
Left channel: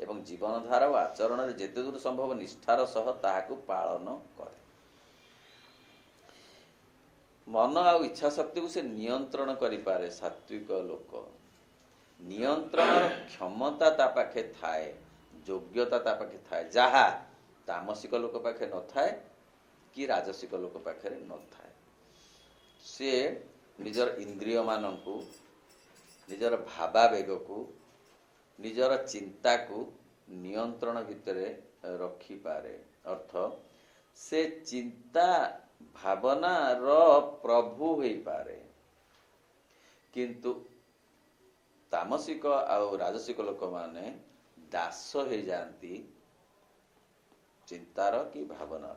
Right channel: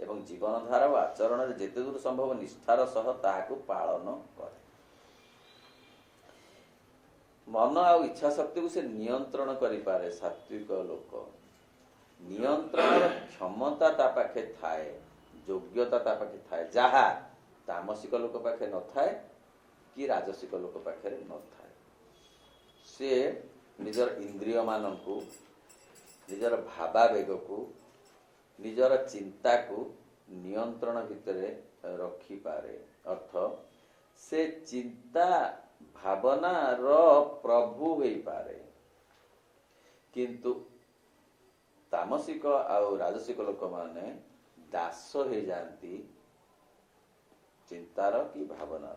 एवं जीवनधारा और आचरण रे जेते दूर संभव निष्ठार सह ताहाकु पालन करे। मन और इच्छा शक्ति को से नियंत्रण करि पारे। सात्विक लोक नियंत्रण क्षमता ता पाखे थाए, योग्यता ता पाखे थाए, जहा तामसिक लोक पाखे न थाए कि राजसिक लोक पाखे न थाए। से निजर इंद्रिय मानकु, निजर भावावेग को, निजर चिंता को नियंत्रण भितरे रखी पारे। अर्थ से चिंता भावना रो प्रभु होई पारे, किंतु तामसिक और राजसिक लोक माने दास हो जाती चिंतार की भावना।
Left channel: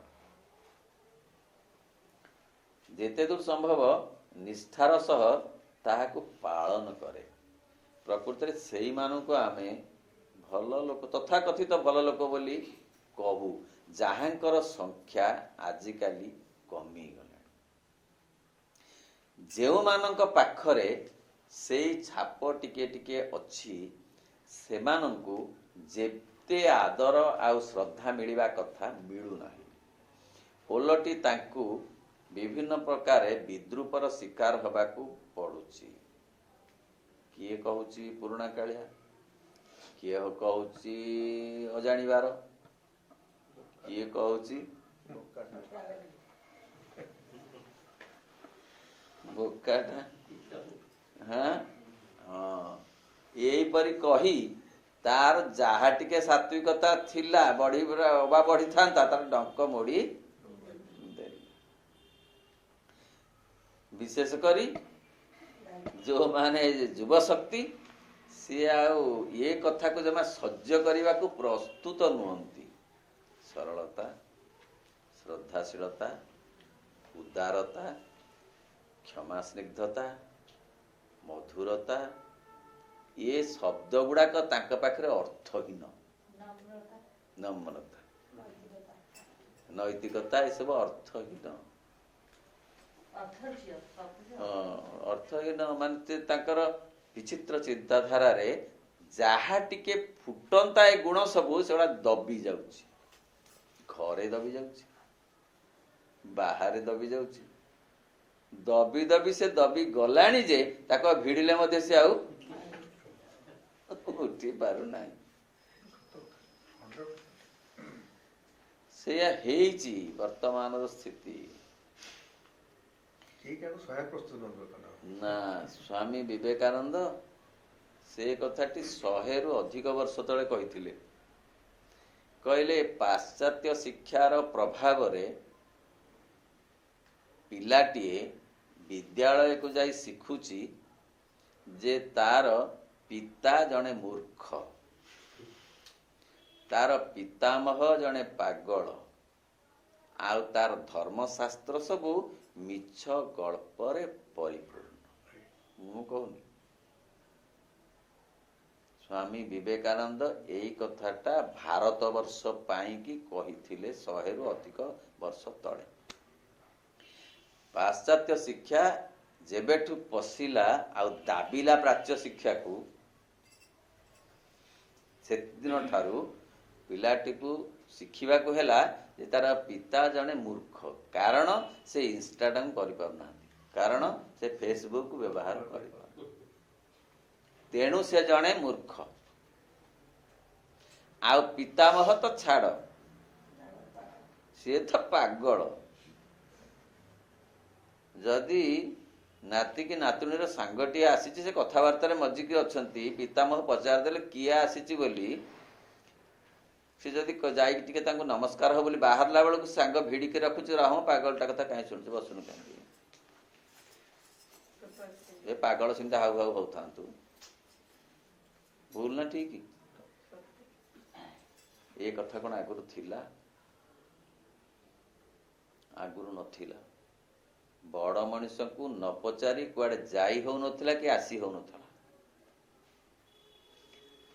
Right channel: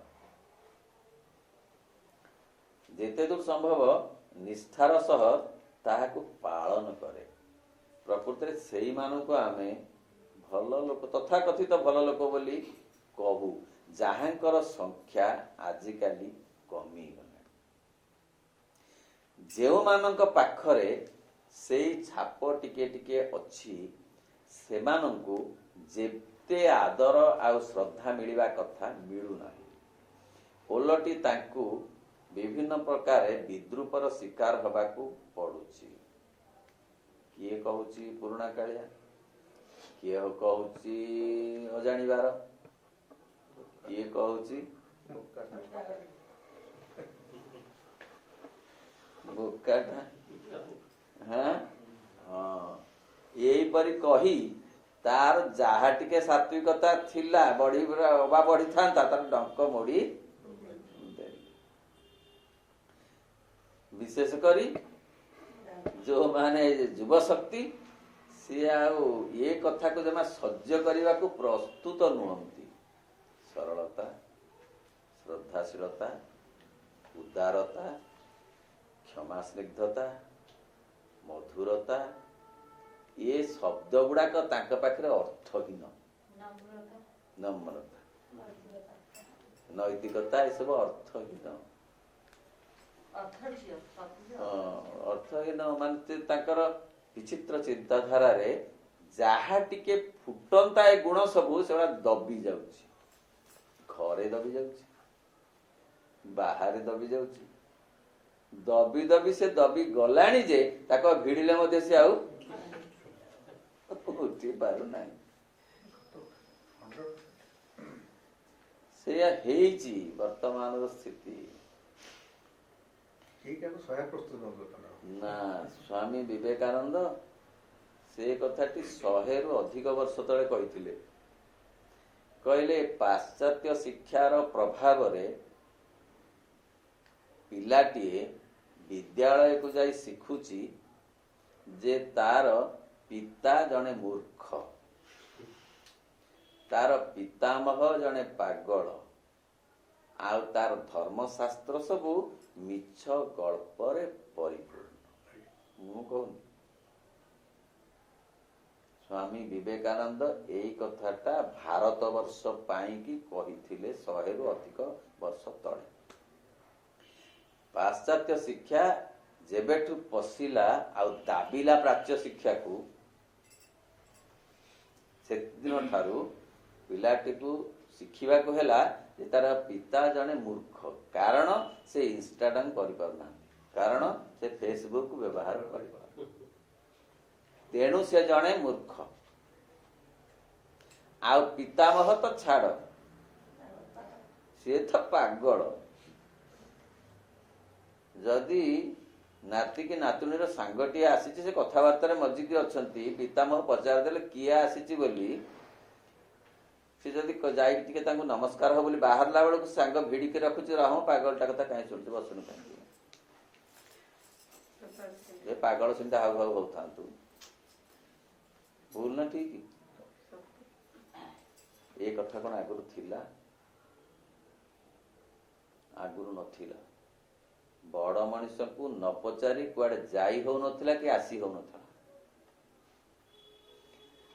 जेते दूर संभव निष्ठार सह ताहाकु पालन करे। प्रकृति रे सेई मानकु आमे भल लोक तथाकथित भल लोक बोली कहू, जाहांकर संख्या आजिकाली कमी गला। जेउ मानक पाखरे सेई छाप टिके टिके अछि, सेमानंकु जेते आदर आ श्रद्धा मिलिबा कथा मिलु नाही। ओलटी तांकु विभिन्न प्रकार विद्रूपर शिकार हबाकू पड़ुची। किए कहूची पुराणा कालिया, किए कहूची अजाणीबार, किए कहूची बोकाटा। हाँ हाँ, यही परी कही तार जहा टिके सात्विकता थिला बढ़ी बढ़ी था तार डंक मोड़ी। विशेष करी जो माने युव शक्ति सी ये कथा को जमा सह्य करने को प्रस्तुत नुहंती। ସରଳତା, ଶ୍ରଦ୍ଧାଶୀଳତା, ଉଦାରତା, କ୍ଷମା ସ୍ନିଗ୍ଧତା, ମଧୁରତା, ଏ ଶବ୍ଦ ଗୁଡାକ ତାଙ୍କ ପାଖରେ ଅର୍ଥହୀନ। ନମ୍ରତା, ନୈତିକତା, ଏସବୁ ଅର୍ଥହୀନ। ଅର୍ଥହୀନ ମାନେ ତାଙ୍କର ବିଚିତ୍ର ଚିନ୍ତାଧାରାରେ ଯାହା ଟିକେ ଫୁଟନ୍ତା ଏ ଗୁଣ ସବୁ ସେଗୁଡା ଦବି ଯାଉଛି। ଘରେ ଦବି ଯାଉଛି, ବାହାରେ ଦବି ଯାଉଛି। ଦବି ଦବି ସେ ଦବି ଗଲାଣି ଯେ ତାକୁ ଭିଡିଲେ ମଧ୍ୟ ସେ ଆଉ ଉଠି ପାରୁନାହିଁ। ସେଇଆ ହେଇଛି ବର୍ତ୍ତମାନର ସ୍ଥିତି। ନା, ସ୍ୱାମୀ ବିବେକାନନ୍ଦ ସେ କଥାଟି 100ରୁ ଅଧିକ ବର୍ଷ ତଳେ କହିଥିଲେ। କହିଲେ ପାଶ୍ଚାତ୍ୟ ଶିକ୍ଷାର ପ୍ରଭାବରେ ପିଲାଟିଏ ବିଦ୍ୟାଳୟକୁ ଯାଇ ଶିଖୁଛି ଯେ ତାର ପିତା ଜଣେ ମୂର୍ଖ, ତାର ପିତାମହ ଜଣେ ପାଗଳ, ଆଉ ତାର ଧର୍ମଶାସ୍ତ୍ର ସବୁ ମିଛ ଗଳ୍ପରେ ପରିପୂର୍ଣ୍ଣ। ମୁଁ କହୁନି, ସ୍ୱାମୀ ବିବେକାନନ୍ଦ ଏଇ କଥାଟା ଭାରତବର୍ଷ ପାଇଁକି କହିଥିଲେ 100ରୁ ଅଧିକ ବର୍ଷ ତଳେ। ପାଶ୍ଚାତ୍ୟ ଶିକ୍ଷା ଯେବେଠୁ ପଶିଲା ଆଉ ଦାବିଲା ପ୍ରାଚ୍ୟ ଶିକ୍ଷାକୁ, ସେଦିନ ଠାରୁ ପିଲାଟିକୁ ଶିଖିବାକୁ ହେଲା ଯେ ତାର ପିତା ଜଣେ ମୂର୍ଖ। କାରଣ ସେ ଇନଷ୍ଟାଗ୍ରାମ କରିପାରୁନାହାନ୍ତି, କାରଣ ସେ ଫେସବୁକ୍ ବ୍ୟବହାର କରିପାରୁନାହାନ୍ତି, ତେଣୁ ସେ ଜଣେ ମୂର୍ଖ। ଆଉ ପିତାମହ ତ ଛାଡ଼, ସିଏ ତ ପାଗଳ। ଯଦି ନାତି କି ନାତୁଣୀର ସାଙ୍ଗଟିଏ ଆସିଛି, ସେ କଥାବାର୍ତ୍ତାରେ ମଜିକି ଅଛନ୍ତି, ପିତାମହ ପଚାରିଦେଲେ କିଏ ଆସିଛି ବୋଲି, ସେ ଯଦି ଯାଇକି ଟିକେ ତାଙ୍କୁ ନମସ୍କାର ହବ ବୋଲି ବାହାରିଲା ବେଳକୁ ସାଙ୍ଗ ଭିଡିକି ରଖୁଛି, ରହ ପାଗଳଟା କଥା କାହିଁ ଶୁଣୁଛୁ, ବସୁନି କାହିଁକି, ଏ ପାଗଳ ସେମିତି ହାଉ ହାଉ ହଉଥାନ୍ତୁ। ଭୁଲ ନା ଠିକ? ଏ କଥା କଣ ଆଗରୁ ଥିଲା? ଆଗରୁ ନଥିଲା। ବଡ ମଣିଷକୁ ନ ପଚାରି କୁଆଡେ ଯାଇ ହଉନଥିଲା କି ଆସି ହଉନଥିଲା।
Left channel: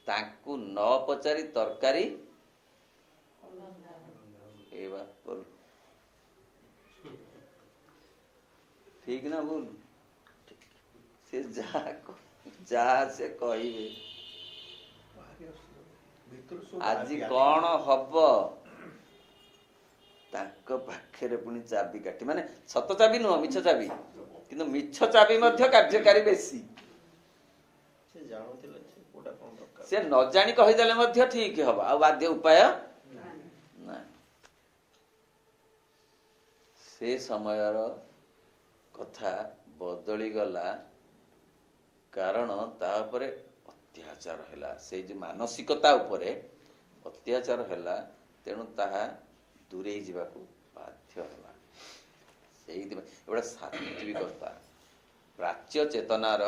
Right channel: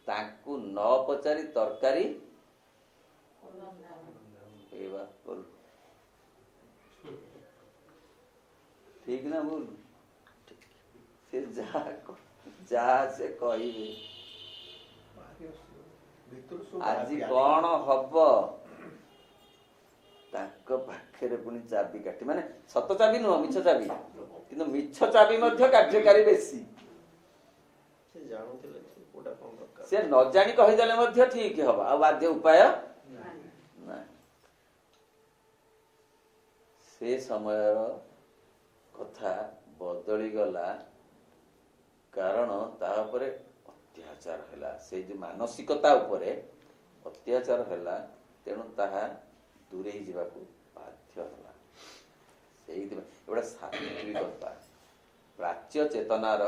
ତାଙ୍କୁ ନ ପଚାରି ତରକାରୀ ଠିକ ନା ଭୁଲ? ସେ ଯାହା ସେ କହିବେ। ଆଜି କଣ ହବ, ତାଙ୍କ ପାଖରେ ପୁଣି ଚାବି କାଠି, ମାନେ ସତ ଚାବି ନୁହଁ, ମିଛ ଚାବି, କିନ୍ତୁ ମିଛ ଚାବି ମଧ୍ୟ କାର୍ଯ୍ୟକାରୀ ବେଶୀ। ସେ ନ ଜାଣି କହିଦେଲେ ମଧ୍ୟ ଠିକ ହବ, ଆଉ ବାଧ୍ୟ ଉପାୟ ନାହିଁ। ସେ ସମୟର କଥା ବଦଳିଗଲା, କାରଣ ତା ଉପରେ ଅତ୍ୟାଚାର ହେଲା, ସେଇ ଯୋଉ ମାନସିକତା ଉପରେ ଅତ୍ୟାଚାର ହେଲା, ତେଣୁ ତାହା ଦୂରେଇ ଯିବାକୁ ବାଧ୍ୟ ହେଲା। ସେଇଥିପାଇଁ ଗୋଟେ ସାତ୍ବିକତା, ପ୍ରାଚ୍ୟ ଚେତନାର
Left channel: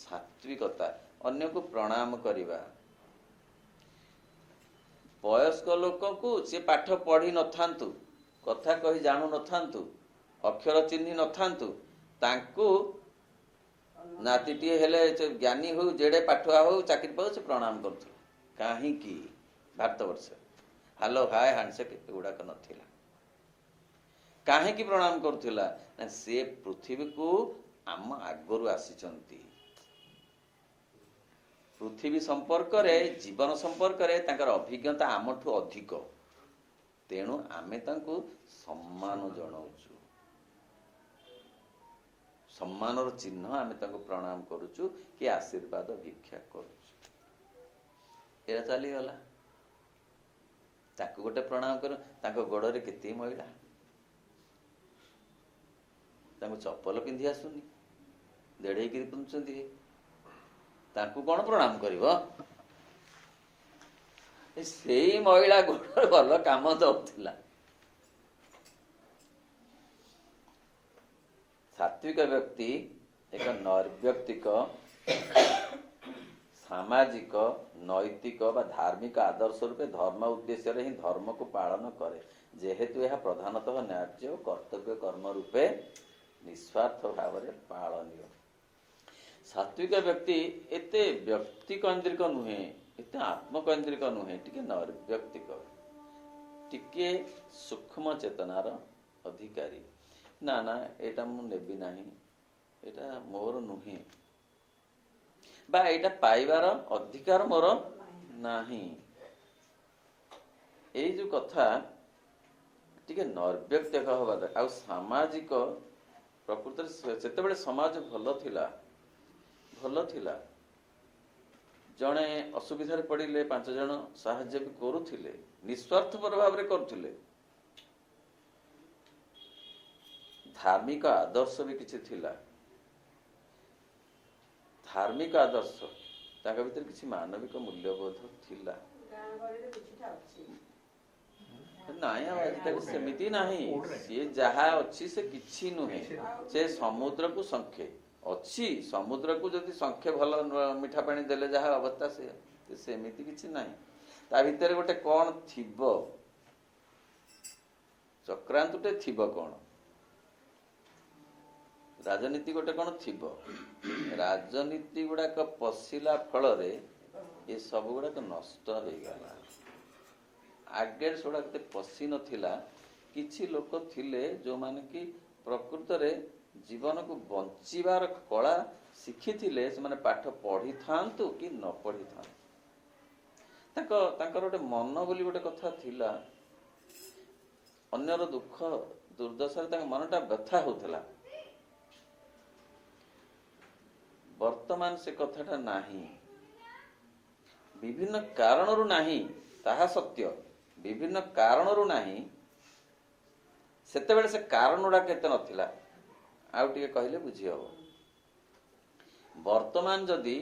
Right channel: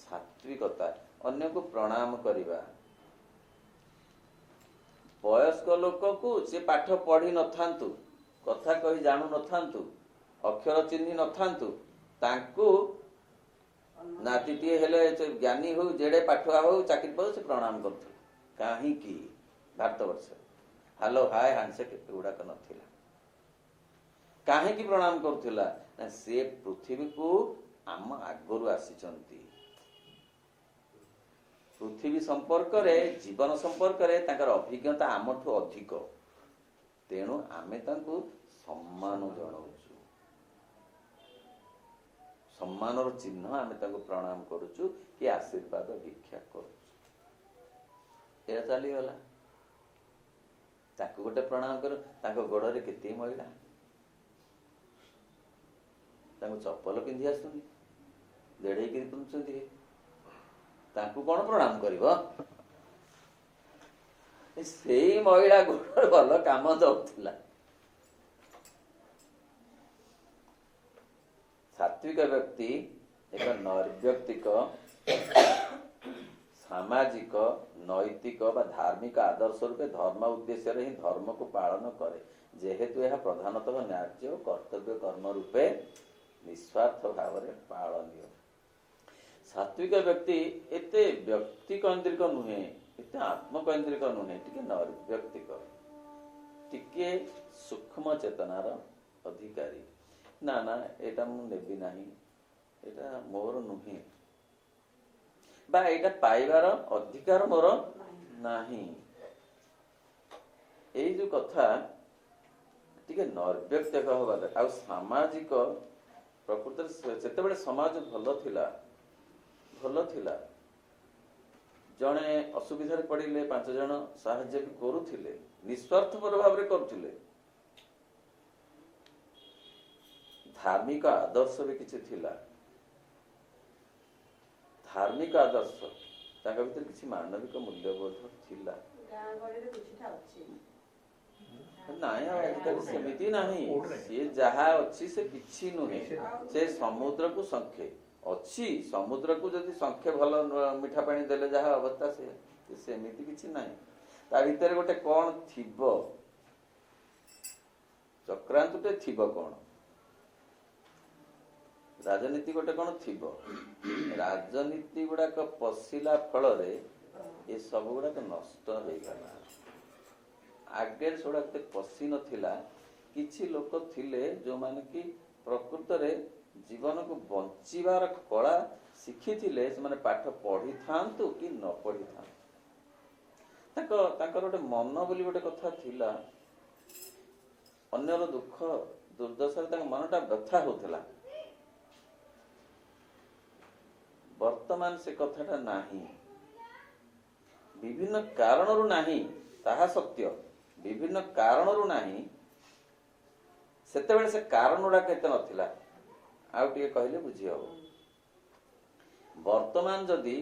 ସାତ୍ବିକତା, ଅନ୍ୟକୁ ପ୍ରଣାମ କରିବା। ବୟସ୍କ ଲୋକକୁ ସେ ପାଠ ପଢି ନଥାନ୍ତୁ, କଥା କହି ଜାଣୁ ନଥାନ୍ତୁ, ଅକ୍ଷର ଚିହ୍ନି ନଥାନ୍ତୁ, ତାଙ୍କୁ ନାତିଟିଏ ହେଲେ ଜ୍ଞାନୀ ହଉ, ଯେଡେ ପାଠୁଆ ହଉ, ଚାକିରି ପାଉ, ସେ ପ୍ରଣାମ କରୁଥିଲେ। କାହିଁକି? ଭାରତବର୍ଷ ହାଲୋ ହାୟ ହ୍ୟାଣ୍ଡସେକ୍ ଏଗୁଡାକ ନଥିଲା। କାହିଁକି ପ୍ରଣାମ କରୁଥିଲା? ନା ସେ ପୃଥିବୀକୁ ଆମ ଆଗରୁ ଆସିଛନ୍ତି। ପୃଥିବୀ ସମ୍ପର୍କରେ, ଜୀବନ ସମ୍ପର୍କରେ ତାଙ୍କର ଅଭିଜ୍ଞତା ଆମଠୁ ଅଧିକ, ତେଣୁ ଆମେ ତାଙ୍କୁ ସମ୍ମାନ ଜଣାଉଛୁ, ସମ୍ମାନର ଚିହ୍ନ ଆମେ ତାଙ୍କୁ ପ୍ରଣାମ କରୁଛୁ କି ଆଶୀର୍ବାଦ ଭିକ୍ଷା କରୁଛୁ। ଏଇଟା ଚାଲିଗଲା। ତାକୁ ଗୋଟେ ପ୍ରଣାମ କରୁ, ତାଙ୍କ ଗୋଡରେ କେତେ ମଇଳା, ତାଙ୍କୁ ଚପଲ ପିନ୍ଧି ଆସୁନି, ଦେଢେଇକିରି ପିନ୍ଧୁଛନ୍ତି, ତାଙ୍କୁ କଣ ପ୍ରଣାମ କରିବ? ସେଇ ମହିଳା ଗୋଡରେ ଭଲ କାମ ଦଉଥିଲା। ସାତ୍ବିକ ବ୍ୟକ୍ତି ଏକ ନୈର୍ବ୍ୟକ୍ତିକ ସାମାଜିକ ନୈତିକ ବା ଧାର୍ମିକ ଆଦର୍ଶ ରୂପେ ଧର୍ମ ଉଦ୍ଦେଶ୍ୟରେ ହିଁ ଧର୍ମକୁ ପାଳନ କରେ, ଯେହେତୁ ଏହା ପ୍ରଧାନତଃ ନ୍ୟାଯ୍ୟ ଓ କର୍ତ୍ତବ୍ୟ କର୍ମ ରୂପେ ନିସ୍ୱାର୍ଥ ଭାବରେ ପାଳନୀୟ। ସାତ୍ବିକ ବ୍ୟକ୍ତି ଏତେ ବ୍ୟକ୍ତିକୈନ୍ଦ୍ରିକ ନୁହେଁ, ଏତେ ଆତ୍ମକୈନ୍ଦ୍ରିକ ନୁହେଁ, ଟିକେ ନୈର୍ବ୍ୟକ୍ତିକ, ଟିକେ ସୂକ୍ଷ୍ମ ଚେତନାର ଅଧିକାରୀ। ନା ନା ଏଇଟା ମୁଁ ନେବି ନାହିଁ, ଏଇଟା ମୋର ନୁହେଁ, ବା ଏଇଟା ପାଇବାର ଅଧିକାର ମୋର ନାହିଁ, ଏଇ ଯୋଉ କଥା ଟିକେ ନୈର୍ବ୍ୟକ୍ତିକ ହବା ଦରକାର। ଆଉ ସାମାଜିକ ପ୍ରକୃତରେ ସେତେବେଳେ ସମାଜ ଭଲ ଥିଲା, ଜଣେ ଅସୁବିଧାରେ ପଡ଼ିଲେ 5 ଜଣ ସାହାଯ୍ୟ ବି କରୁଥିଲେ, ନିଃସ୍ୱାର୍ଥପର ଭାବରେ କରୁଥିଲେ। ଧାର୍ମିକ ଆଦର୍ଶ ବି କିଛି ଥିଲା, ଧାର୍ମିକ ଆଦର୍ଶ, ତାଙ୍କ ଭିତରେ କିଛି ମାନବିକ ମୂଲ୍ୟବୋଧ ଥିଲା। ନାଇଁ ଆଉ ଆଜିକାଲି ସେମିତି ନାହିଁ, ସିଏ ଯାହା ଅଛି ସେ କିଛି ନୁହେଁ, ସେ ସମୁଦ୍ରକୁ ଶଙ୍ଖେ ଅଛି, ସମୁଦ୍ରକୁ ଯଦି ଶଙ୍ଖେ ଭଲ ମିଠା ପାଣି ଦେଲେ ଯାହା ଅବସ୍ଥା ସେମିତି କିଛି ନାହିଁ। ତା ଭିତରେ ଗୋଟେ କଣ ଥିବ, ଚକ୍ରାନ୍ତଟେ ଥିବ, କଣ ରାଜନୀତି ଗୋଟେ କଣ ଥିବ। ରାଜନୀତି ଗୁଡାକ ପଶିଲା ଫଳରେ ଏ ସବୁ ଗୁଡାକ ନଷ୍ଟ ହେଇଗଲା। ଆଗେ ସେଗୁଡା ଏତେ ପଶି ନଥିଲା। କିଛି ଲୋକ ଥିଲେ ଯୋଉମାନେ କି ପ୍ରକୃତରେ ଜୀବନକୁ ବଞ୍ଚିବାର କଳା ଶିଖିଥିଲେ। ସେମାନେ ପାଠ ପଢିଥାନ୍ତୁ କି ନ ପଢିଥାନ୍ତୁ, ତାଙ୍କର ଗୋଟେ ମନ ବୋଲି ଗୋଟେ କଥା ଥିଲା। ଅନ୍ୟର ଦୁଃଖ ଦୁର୍ଦ୍ଦଶାରେ ତାଙ୍କ ମନଟା ବ୍ୟଥା ହଉଥିଲା। ବର୍ତ୍ତମାନ ସେ କଥାଟା ନାହିଁ, ବିଭିନ୍ନ କାରଣରୁ ନାହିଁ, ତାହା ସତ୍ୟ, ବିଭିନ୍ନ କାରଣରୁ ନାହିଁ। ସେତେବେଳେ ସେ କାରଣ ଗୁଡାକ ଏତେ ନଥିଲା। ଆଉ ଟିକେ କହିଲେ ବୁଝି ହବ। ବର୍ତ୍ତମାନ ଯଦି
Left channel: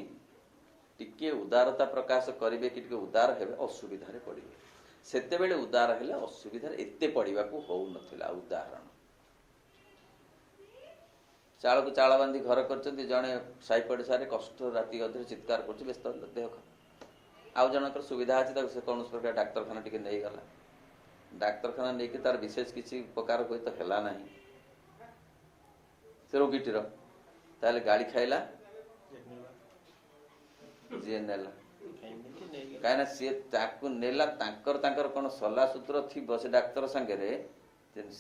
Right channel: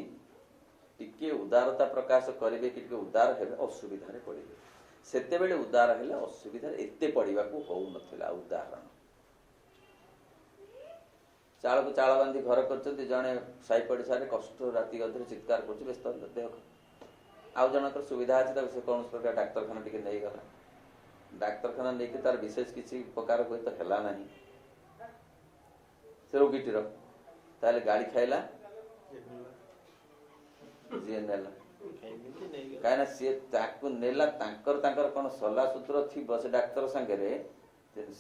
ଟିକେ ଉଦାରତା ପ୍ରକାଶ କରିବେ କି ଟିକେ ଉଦାର ହେବେ, ଅସୁବିଧାରେ ପଡିବେ। ସେତେବେଳେ ଉଦାର ହେଲେ ଅସୁବିଧାରେ ଏତେ ପଡିବାକୁ ହଉନଥିଲା। ଉଦାହରଣ, ଚାଳକୁ ଚାଳ ବାନ୍ଧି ଘର କରିଛନ୍ତି, ଜଣେ ସାହି ପଡ଼ିଶାରେ କଷ୍ଟ ରାତି ଅଧରେ ଚିତ୍କାର କରୁଛି, ବ୍ୟସ୍ତ ଦେହ। ଆଉ ଜଣଙ୍କର ସୁବିଧା ଅଛି, ତାକୁ ସେ କୌଣସି ପ୍ରକାର ଡାକ୍ତରଖାନା ଟିକେ ନେଇଗଲା। ଡାକ୍ତରଖାନା ନେଇକି ତାର ବିଶେଷ କିଛି ଉପକାର ହୁଏତ ହେଲା ନାହିଁ ସେ ରୋଗୀଟିର, ତାହେଲେ ଗାଳି ଖାଇଲା ଯିଏ ନେଲା। କାହିଁକିନା ସିଏ ତାକୁ ନେଲା, ତାଙ୍କର କଣ ସଲା ସୂତ୍ର ଥିବ ସେ ଡାକ୍ତର ସାଙ୍ଗରେ,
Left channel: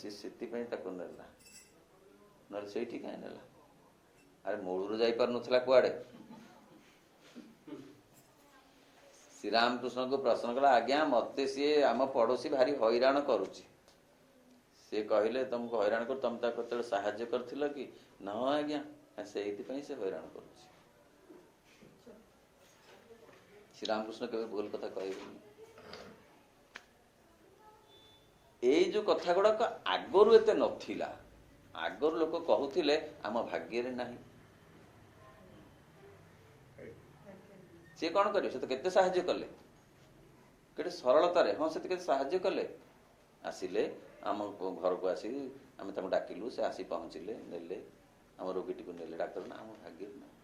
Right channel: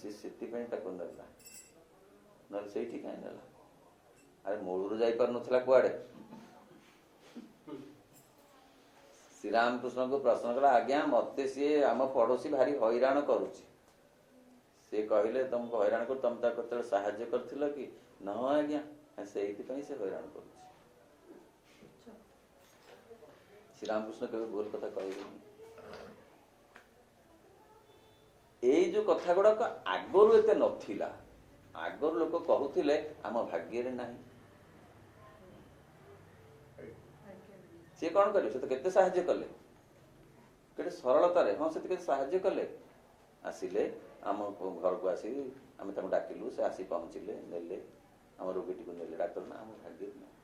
ସେ ସେଥିପାଇଁ ତାକୁ ନେଲା। ନହେଲେ ସେଇଠି କାହିଁ ନେଲା? ଆରେ ମୂଳରୁ ଯାଇପାରୁନଥିଲା କୁଆଡେ। ଶ୍ରୀରାମକୃଷ୍ଣଙ୍କୁ ପ୍ରଶ୍ନ କଲା, ଆଜ୍ଞା ମତେ ସିଏ ଆମ ପଡୋଶୀ ଭାରି ହଇରାଣ କରୁଛି। ସିଏ କହିଲେ, ତମକୁ ହଇରାଣ କରୁ, ତମେ ତାକୁ କେତେବେଳେ ସାହାଯ୍ୟ କରିଥିଲ କି? ନା ଆଜ୍ଞା, ସେଇଥିପାଇଁ ସେ ହଇରାଣ କରୁଛି। ଶ୍ରୀରାମକୃଷ୍ଣ କେବେ ଭୁଲ କଥା କହିବେନି। ଏଇ ଯୋଉ କଥା ଗୁଡାକ ଆଗରୁ ଏତେ ନଥିଲା। ଆଗରୁ ଲୋକ କହୁଥିଲେ ଆମ ଭାଗ୍ୟରେ ନାହିଁ। ସିଏ କଣ କରିବେ? ସେ ତ କେତେ ସାହାଯ୍ୟ କଲେ, କେତେ ସରଳତାରେ, ହଁ ସେ କେତେ ସାହାଯ୍ୟ କଲେ। ଆସିଲେ ଆମ ଘରକୁ ଆସି ଆମେ ତାଙ୍କୁ ଡାକିଲୁ, ସେ ଆସି ପହଞ୍ଚିଲେ, ନେଲେ ଆମ ରୋଗୀଟିକୁ ନେଲେ ଡାକ୍ତର। ନା ଆମ ଭାଗ୍ୟରେ ନାହିଁ।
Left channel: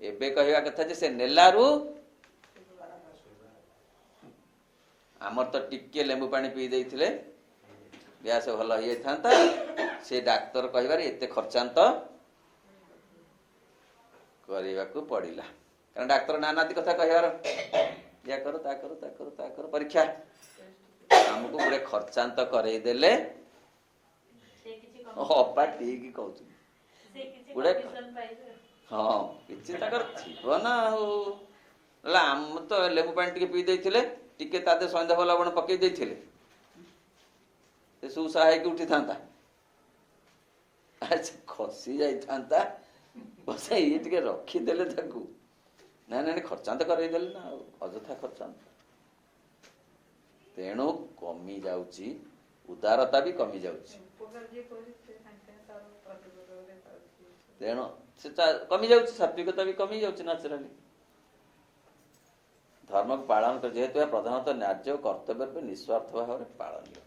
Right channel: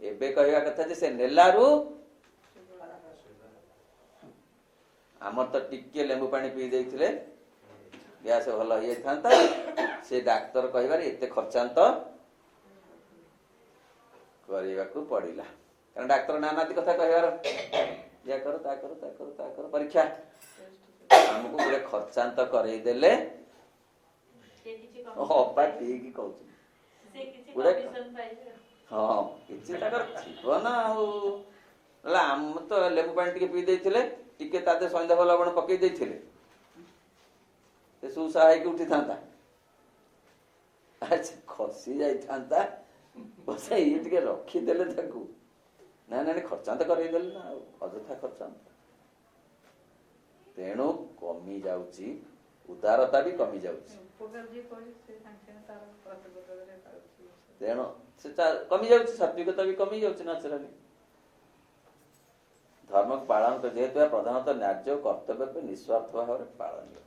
ଏବେ କହିବା କଥା ଯେ ସେ ନେଲାରୁ ଆମର ତ ଟିକେ ଲେମ୍ବୁ ପାଣି ପିଇ ଦେଇଥିଲେ ଗ୍ୟାସ ଭଲ ହେଇଯାଇଥାନ୍ତା। ସେ ଡାକ୍ତର କହିବାରେ ଏତେ ଖର୍ଚ୍ଚାନ୍ତ କରିବାକୁ ପଡିଲା। କାରଣ ଡାକ୍ତର ନାନାଦି କଥା କହିବାର, ଇୟା କର, ତା କର, ତା କର, ତା କର, ପରୀକ୍ଷା ଆମକୁ ଗୋଟେ ଖର୍ଚ୍ଚାନ୍ତ କରେଇ ଦେଲେ। ଅପା ଠିକ କହୁଛନ୍ତି। ହଁ, କିଛି ତାଙ୍କର ଥିବ ନା। ଆଉ ଆମ ତ ଲେମ୍ବୁ ପାଣି ଟିକେ ପିଇ ଦେଇଥିଲେ, ଟିକେ ତା ଦେହରେ ସନ୍ଧ୍ୟା ଲବଣ ପକେଇ ଦେଇଥିଲେ, ସେ ସୁସା ହେଇକି ଉଠିଥାନ୍ତା। ଖସି ଯାଇଥାନ୍ତା। ଇଏ ଟିକେ ରଖିଦେଲେ ତାକୁ, ନାଇଁ ଖର୍ଚ୍ଚାନ୍ତ କରେଇଦେଲେ ନା, ଆଉ ଅଯଥା ଖର୍ଚ୍ଚାନ୍ତ। ତେଣୁ କମି ଯାଉଛି, ଉଦାରତା ବି କମି ଯାଉଛି। ତେଣୁ ସେ କମି ଯାଉଛି, ସାତ୍ବିକତା ବି କମି ଯାଉଛି ନ୍ୟାଚୁରାଲି। ଧର୍ମକୁ ପାଳନ କରି, ଯେହେତୁ ଏହା ପ୍ରଧାନତଃ ନ୍ୟାଯ୍ୟ କର୍ତ୍ତବ୍ୟ ରୂପେ ନିଃସ୍ୱାର୍ଥ ଭାବରେ ପାଳନୀୟ।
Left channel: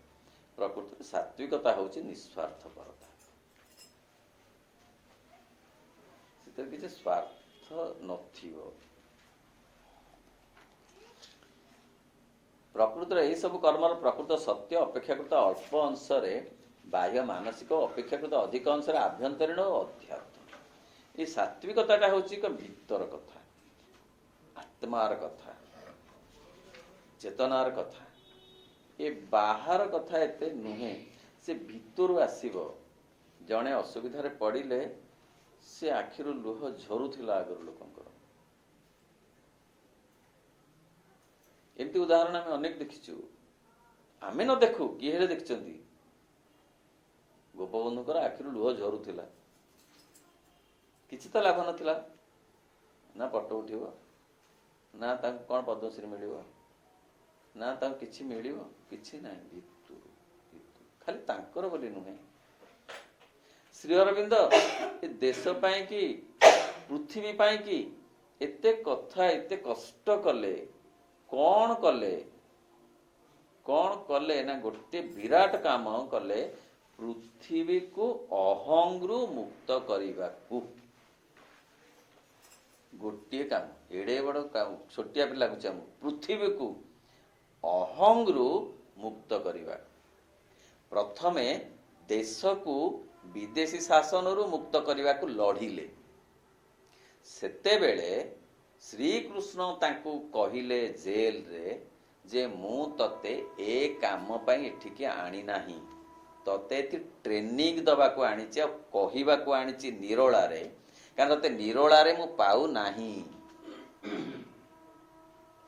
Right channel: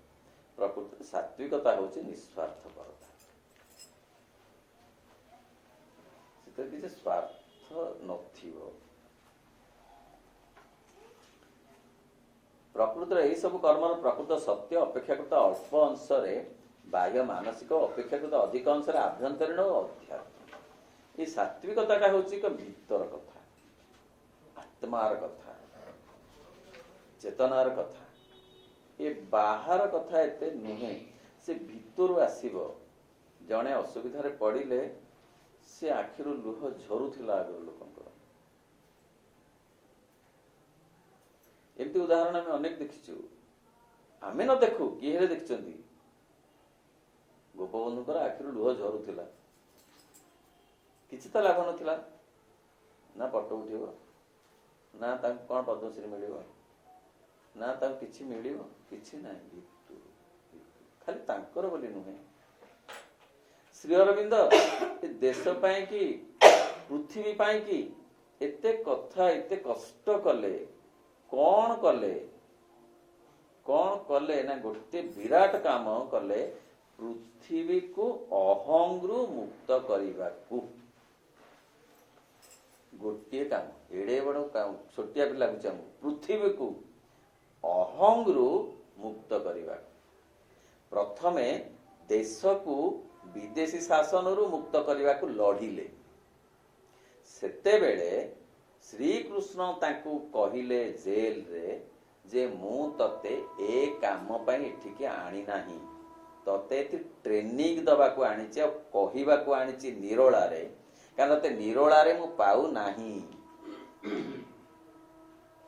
ପ୍ରକୃତରେ ସାତ୍ବିକତା ହଉଛି ନିଃସ୍ୱାର୍ଥପରତା। ସେଥିରେ କିଛି ସ୍ୱାର୍ଥ ନଥିବ। ପ୍ରକୃତରେ ଏହି ସବୁ କର୍ମର ପ୍ରକୃତ ସତ୍ୟ ଅପେକ୍ଷାକୃତ ଅଳ୍ପ ଅଂଶରେ ବାହ୍ୟ ମାନସିକ, ଅପେକ୍ଷାକୃତ ଅଧିକ ଅଂଶରେ ଆଭ୍ୟନ୍ତରୀଣ ଓ ଅଧ୍ୟାତ୍ମ। এই ସାତ୍ବିକତାଟା ହଉଛି ଏକ ଭିତର କଥା, ଆତ୍ମାର କଥା, ଚେତନାର କଥା। ଏ ବାହାର କଥା ଏତେ ନୁହେଁ, ସେ ଭିତରୁ ଆସିବ। ଜଣେ ଅସୁବିଧାରେ ପଡ଼ିଲେ ସେ ଆଖିରୁ ଲୁହ ଝରୁଥିଲା ଆଗରୁ ଲୋକଙ୍କର। ଏମିତି ଉଦାହରଣ ଆମେ ଅନେକ ଦେଖିଛୁ। ଆମେ ନ ଦେଖୁ, କିଏ ହେଲେ ଦେଖିଛନ୍ତି। ଗୋପବନ୍ଧୁଙ୍କର ଆଖିରୁ ଲୁହ ଝରୁଥିଲା, କିଛି ତ ଲାଭ ନଥିଲା। ନା ଫଟୋ ଉଠିବ, ନା ତାଙ୍କୁ କଣ ପଦ୍ମଶ୍ରୀ ମିଳିବ, ନା ତାଙ୍କୁ କିଛି ମିଳିବ, କିଛି ନାହିଁ। ଭିତରୁ ଖାଲି ତାଙ୍କର ବୋଲି ନୁହେଁ, ଶ୍ରୀ ଅରବିନ୍ଦ ଏ ଦେଶ ପାଇଁ କି, ପୃଥିବୀ ପାଇଁ କି ଏତେ କଥା, ଏତେ କଷ୍ଟ କଲେ। କଣ କଲେ? କଣ କଲେ ନା ଗୋଟେ ବିରାଟ କାମ କଲେ, ପୃଥିବୀକୁ ଅହଂରୁ ମୁକ୍ତ କରିବାକୁ। ଗୋଟିଏ କାମ, ଏଡେ ବଡ କାମ, ଛୋଟିଆ ବି ଲାଗୁଛି ଆମକୁ। ପୃଥିବୀକୁ ଅହଂରୁ ମୁକ୍ତ କରିବା। ପ୍ରଥମେ ଦେଶକୁ ବିଦେଶୀ ଶାସନରୁ ମୁକ୍ତ କରିବାକୁ ଲଢିଲେ। ସେତେବେଳେ ଶ୍ରୀକୃଷ୍ଣ ତାଙ୍କୁ କହିଲେ ଜେଲରେ ଯେ ମୁଁ ତତେ ଏ କାମ ପାଇଁ ଏଠିକି ଆଣି ନାହିଁ, ତତେ ଏଠି ଟ୍ରେନିଂ ଦବାକୁ ଆଣିଛି, ଆଉ କହିବାକୁ ଆଣିଛି ନିରୋଳାରେ, କାରଣ ତତେ ନିରୋଳାରେ ମୁଁ ପାଉ ନାହିଁ।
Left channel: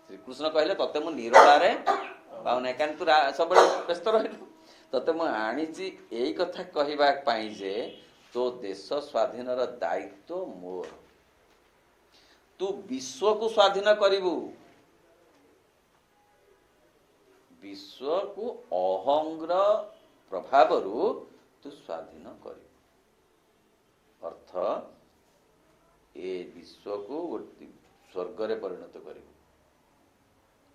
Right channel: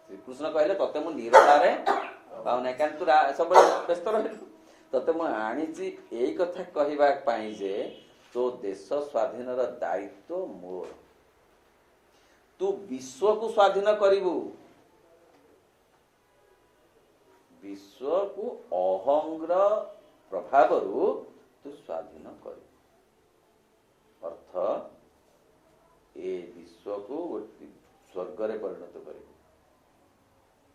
ଶ୍ରୀକୃଷ୍ଣ କହିଲେ ତତେ ମୁଁ ନିରୋଳାରେ ପାଉନାହିଁ, କାରଣ ତୁ ସବୁବେଳେ ବ୍ୟସ୍ତ ରହିଲୁ। ତତେ ମୁଁ ଆଣିଛି ଏଇ କଥା କହିବା ପାଇଁ ଯେ ତୋ ଦେଶ ସ୍ୱାଧୀନର ଦାୟିତ୍ୱ ମୋର। ତୁ ବିଶ୍ୱକୁ ସ୍ୱାଧୀନ କରିବୁ, ବିଶ୍ୱକୁ ଅହଂର ପ୍ରଭାବରୁ ତୁ ସ୍ୱାଧୀନ କରିବୁ। ଅର୍ଥ ଏ ବିଶ୍ୱକୁ ସ୍ୱର୍ଗରେ ପରିଣତ କରିବୁ,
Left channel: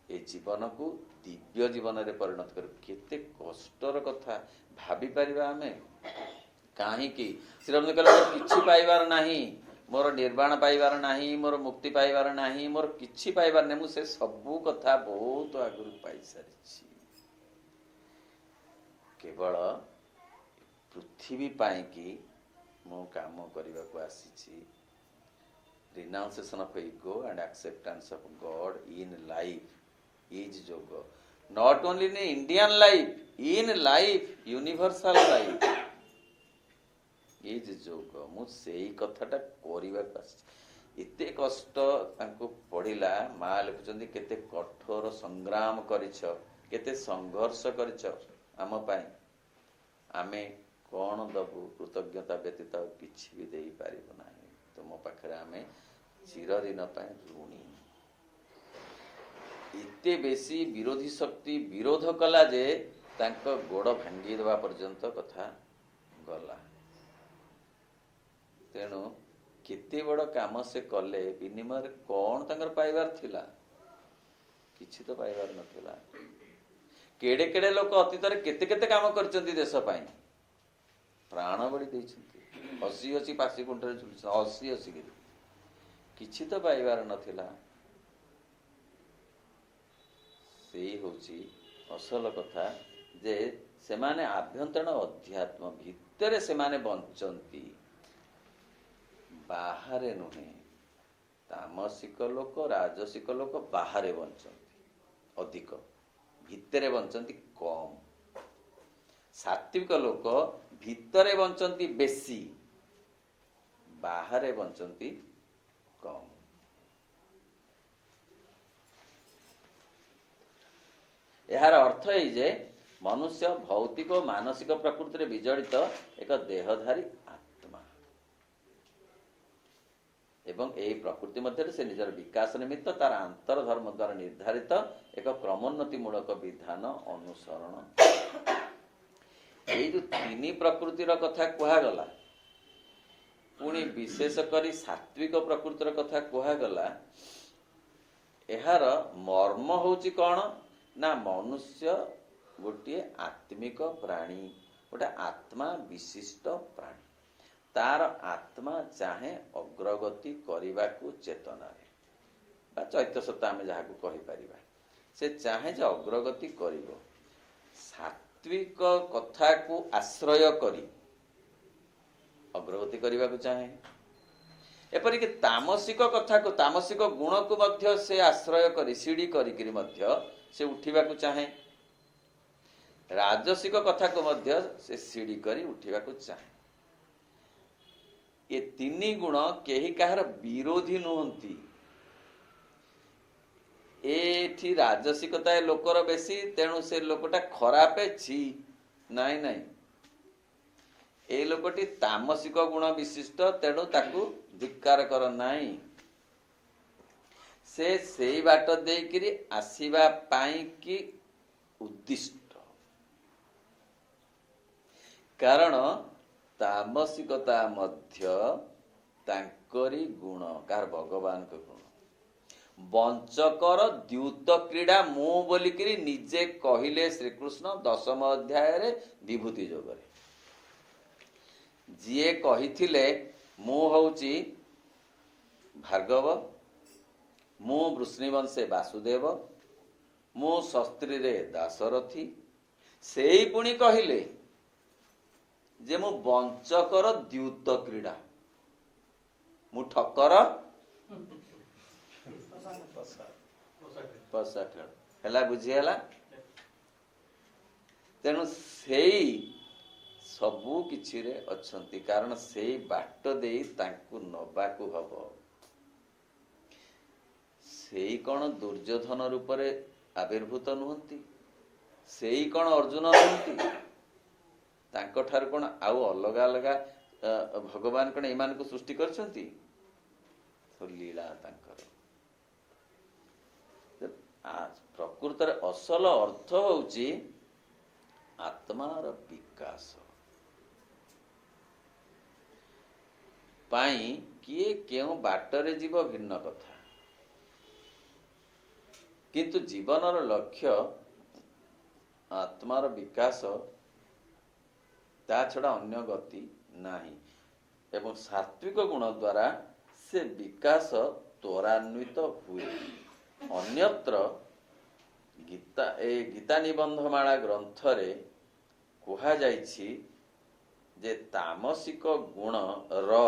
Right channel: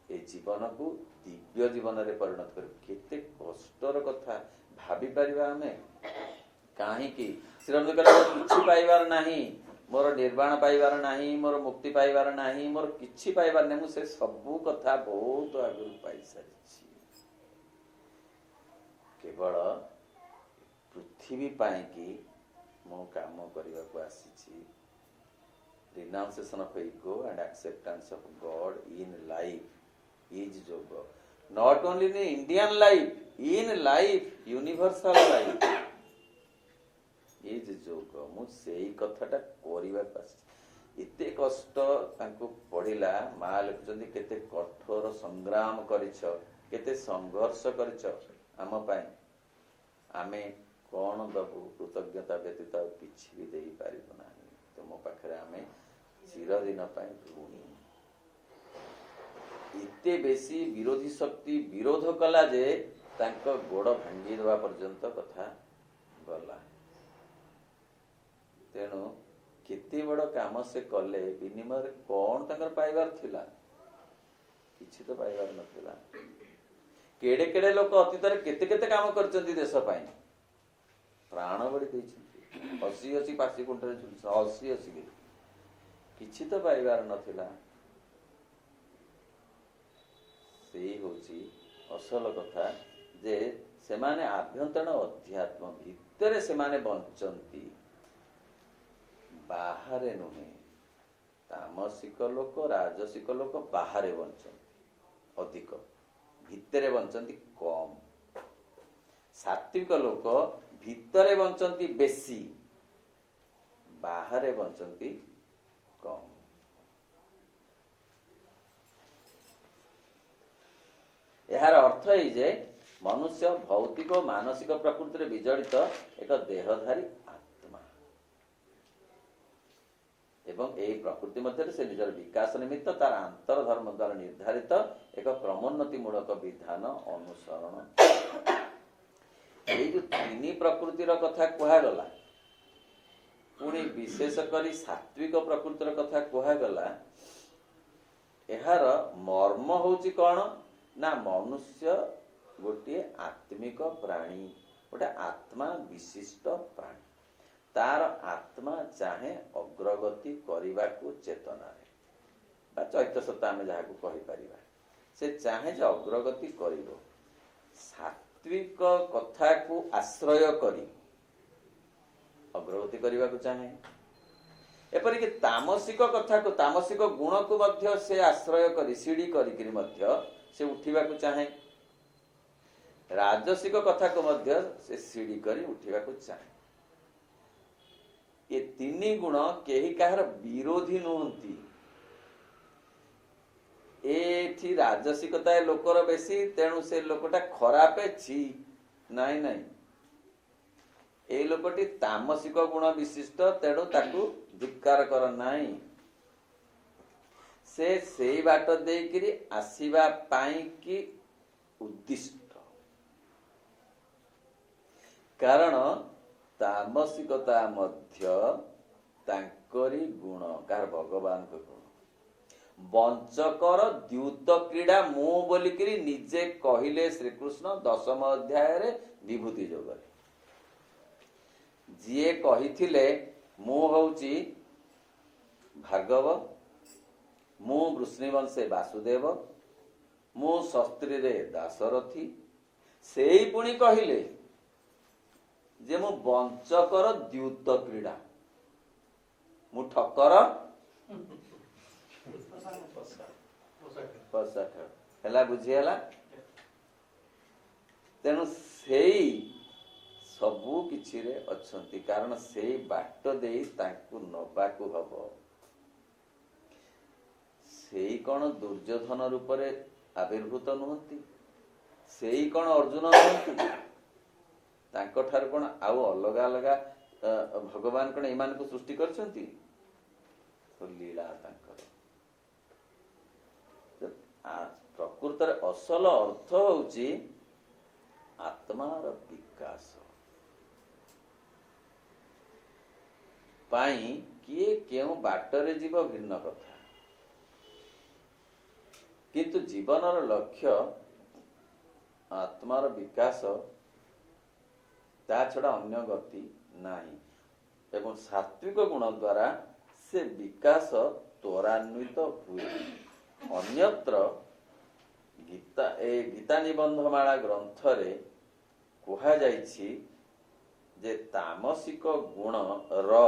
ଏ ଜୀବନକୁ ଦିବ୍ୟ ଜୀବନରେ ପରିଣତ କରିବୁ। କେତେ କଷ୍ଟର କଥା ଭାବିପାରିବା ଆମେ? କାହିଁକି ଶ୍ରୀରାମ କହିଲେ କିଛି ପାଇବାର ନାହିଁ, ମୋର ନିର୍ବାଣ ପାଇବାର ନାହିଁ, ମୋର ମୁକ୍ତି ପାଇବାର ନାହିଁ, ମୋର କିଛି ପାଇବାର ନାହିଁ। ମୁଁ ସେ ସବୁ କଥା ବହୁତ ଆଗରୁ ପାଇସାରିଛି। କେବଳ ପୃଥିବୀ ପାଇଁ କି ମୁଁ କାମ କରିବାକୁ ଆସିଛି। Renunciation of ego and acceptance of God in life is yoga. Not only in Indian life, in life, universal life is yoga. ମୁଁ ସେଇ କଥାଟା କରିବାକୁ ଆସିଛି। ଏତେ କଷ୍ଟ ତାଙ୍କୁ ପଡ଼ିଲା। ମା ଲେଖୁଛନ୍ତି କେତେ କଠୋର ସଂଗ୍ରାମ କରିଛ, କେତେ ସଂଘର୍ଷ କରିଛ ଆମ ପାଇଁ। ଆମେ କଣ ଦବୁ? କୃତଜ୍ଞତା ବ୍ୟତୀତ ଆଉ କିଛି ବି ଦେଇପାରିବୁ ନାହିଁ। ତୁମ ପାଖରେ ଆମେ ଚିରଦିନ ପାଇଁ ଋଣୀ। ଏତେ ବେଶୀ ବିରୋଧୀ ଶକ୍ତି ବିରୋଧ କଲା ଯେ ତାଙ୍କ ଗୋଡ଼ ଭାଙ୍ଗି ଦେବା ପର୍ଯ୍ୟନ୍ତ କଥା ଗଲା। ତେଣୁ କେତେ ବଡ଼ କାମ ସେ କଲେ, ବିନିମୟରେ କଣ ତାଙ୍କର ପାଇବାର ଥିଲା? କିଛି ତ ପାଇବାର ନଥିଲା। କେଡେ କେଡେ ଲୋକ ଅତୀତରେ କେତେ କେତେ କାମ କରିଛନ୍ତି ଦେଶ ପାଇଁ, ପ୍ରାଣ ବଳି ଦେଇଛନ୍ତି, ହସି ହସି ପାଶି କୁଣ୍ଠରେ ଝୁଲୁଛନ୍ତି, ହସି ହସିକିରି। କିଛି ତ ପାଇବାର ନଥିଲା। ସେଇ ହଉଛି ଅସଲ କଥା, ଯେ ସେମାନେ ଆଭ୍ୟନ୍ତରୀଣ ଅଧ୍ୟାତ୍ମ ଭିତରେ ସେମାନେ ବଞ୍ଚନ୍ତି, ବାହାରେ ନୁହେଁ। ତାମସିକ ଲୋକ, ରାଜସିକ ଲୋକ ବାହାରେ ବଞ୍ଚନ୍ତି ଅଧିକ, ଭିତରେ ବଞ୍ଚନ୍ତି କମ। ସାତ୍ବିକ ଲୋକ ଭିତରେ ବଞ୍ଚନ୍ତି ବେଶୀ, ବାହାରେ ବଞ୍ଚନ୍ତି କମ। ଏହାର ଅର୍ଥ ଏଇ ଯେ ମନୁଷ୍ୟ ଭୌତିକ ଓ ମାନସିକ ପ୍ରକୃତିରେ ବିଜଡ଼ିତ ଏକ ଦେହଧାରୀ ଆତ୍ମା, ଏବଂ ଏହି ପ୍ରକୃତି ମଧ୍ୟରେ ସେ ନିଜର ବିକାଶ ନିମିତ୍ତ ତାର ଆନ୍ତର ଧର୍ମ ଦ୍ୱାରା ନିର୍ଦ୍ଧାରିତ ଏକ କ୍ରମୋନ୍ନତି ମୂଳକ ବିଧାନ ଅନୁସରଣ। ଏଇ ଯୋଉ ତିନି ପ୍ରକୃତିର କଥା କୁହାଗଲା, ପୁଣି ବିଶେଷ କରି ସାତ୍ବିକ ପ୍ରକୃତିର କଥା କୁହାଗଲା, ଏହାର ମର୍ମ ହଉଛି କଣ ନା ମନୁଷ୍ୟ ଗୋଟିଏ ଆତ୍ମିକ ପ୍ରାଣୀ, ଗୋଟେ ଆତ୍ମା ବିଶିଷ୍ଟ ପ୍ରାଣୀ। तार आत्मा चाहे अग्रगति करने चेतनारे बा चैत्य सत्ता आम जहाँ कही पारिबा से चाहे जे अग्रगति करिवो सात्विक कथा को आश्रय करी अग्रगति करने को चाहे एपरिक तामसिक कथा को तामसिक गुण को मध्य से आश्रय करी सीढ़ी करी मध्य से उठिबा को चाहे राजसिक कथा को मध्य से सीढ़ी करी उठिबा को चाहे ये तीन गुण केही कहार विरोधी नुहंती एठी राजसिकता लोकर बेसी तेणु से लोकटा खराब छी नाई नाई ए लोकटी तामसिक गुण विशिष्ट तेणु ताकू धिक्कार कर नाई से सेई बाट देकिरी आसीबा पाई की उद्दिष्ट कारण तामसिकता मध्य तांकरी गुण कार भगवान के गुण वंचकर द्यूत क्रीड़ा मु बोलिकी निजे कहिले श्रीकृष्ण 10म अध्याय रे विभूति जोगरे जिए कहिथिले मु होउची भार्गव मु वृष्णिवंशे वासुदेव मु शस्त्री रे दाशरथी सेई पुणी कहिले जे मु वंचकर द्यूत क्रीड़ा मु ठकर हेला बुझीगला तेणु सेई सबू किछि रे अछंती कारण सेई बाट देई तांकु नबाकु हबो सेई कोन दुर्योधन रूप रे आविर्भूत नुहंती सेई कोन अर्जुन नुहंती तांको ठार कोन आउ अलग अलग भगवान कोन ईमान को सृष्टि करछंती तो लीला तांकर प्रकृत असल अर्थ होउची आत्मार विकास पाई किए केउ बाटरे जीव भिन्न कथा किंतु जीवनर लक्ष्य आत्मार विकास ता छड़ा अन्य गति नाही एवं सात्विक गुण द्वारा से विकास त्वरान्वित हुए अन्यत्र गीता निबंधमाला ग्रंथ रे कहा जाइछि जे तामसिक गुण र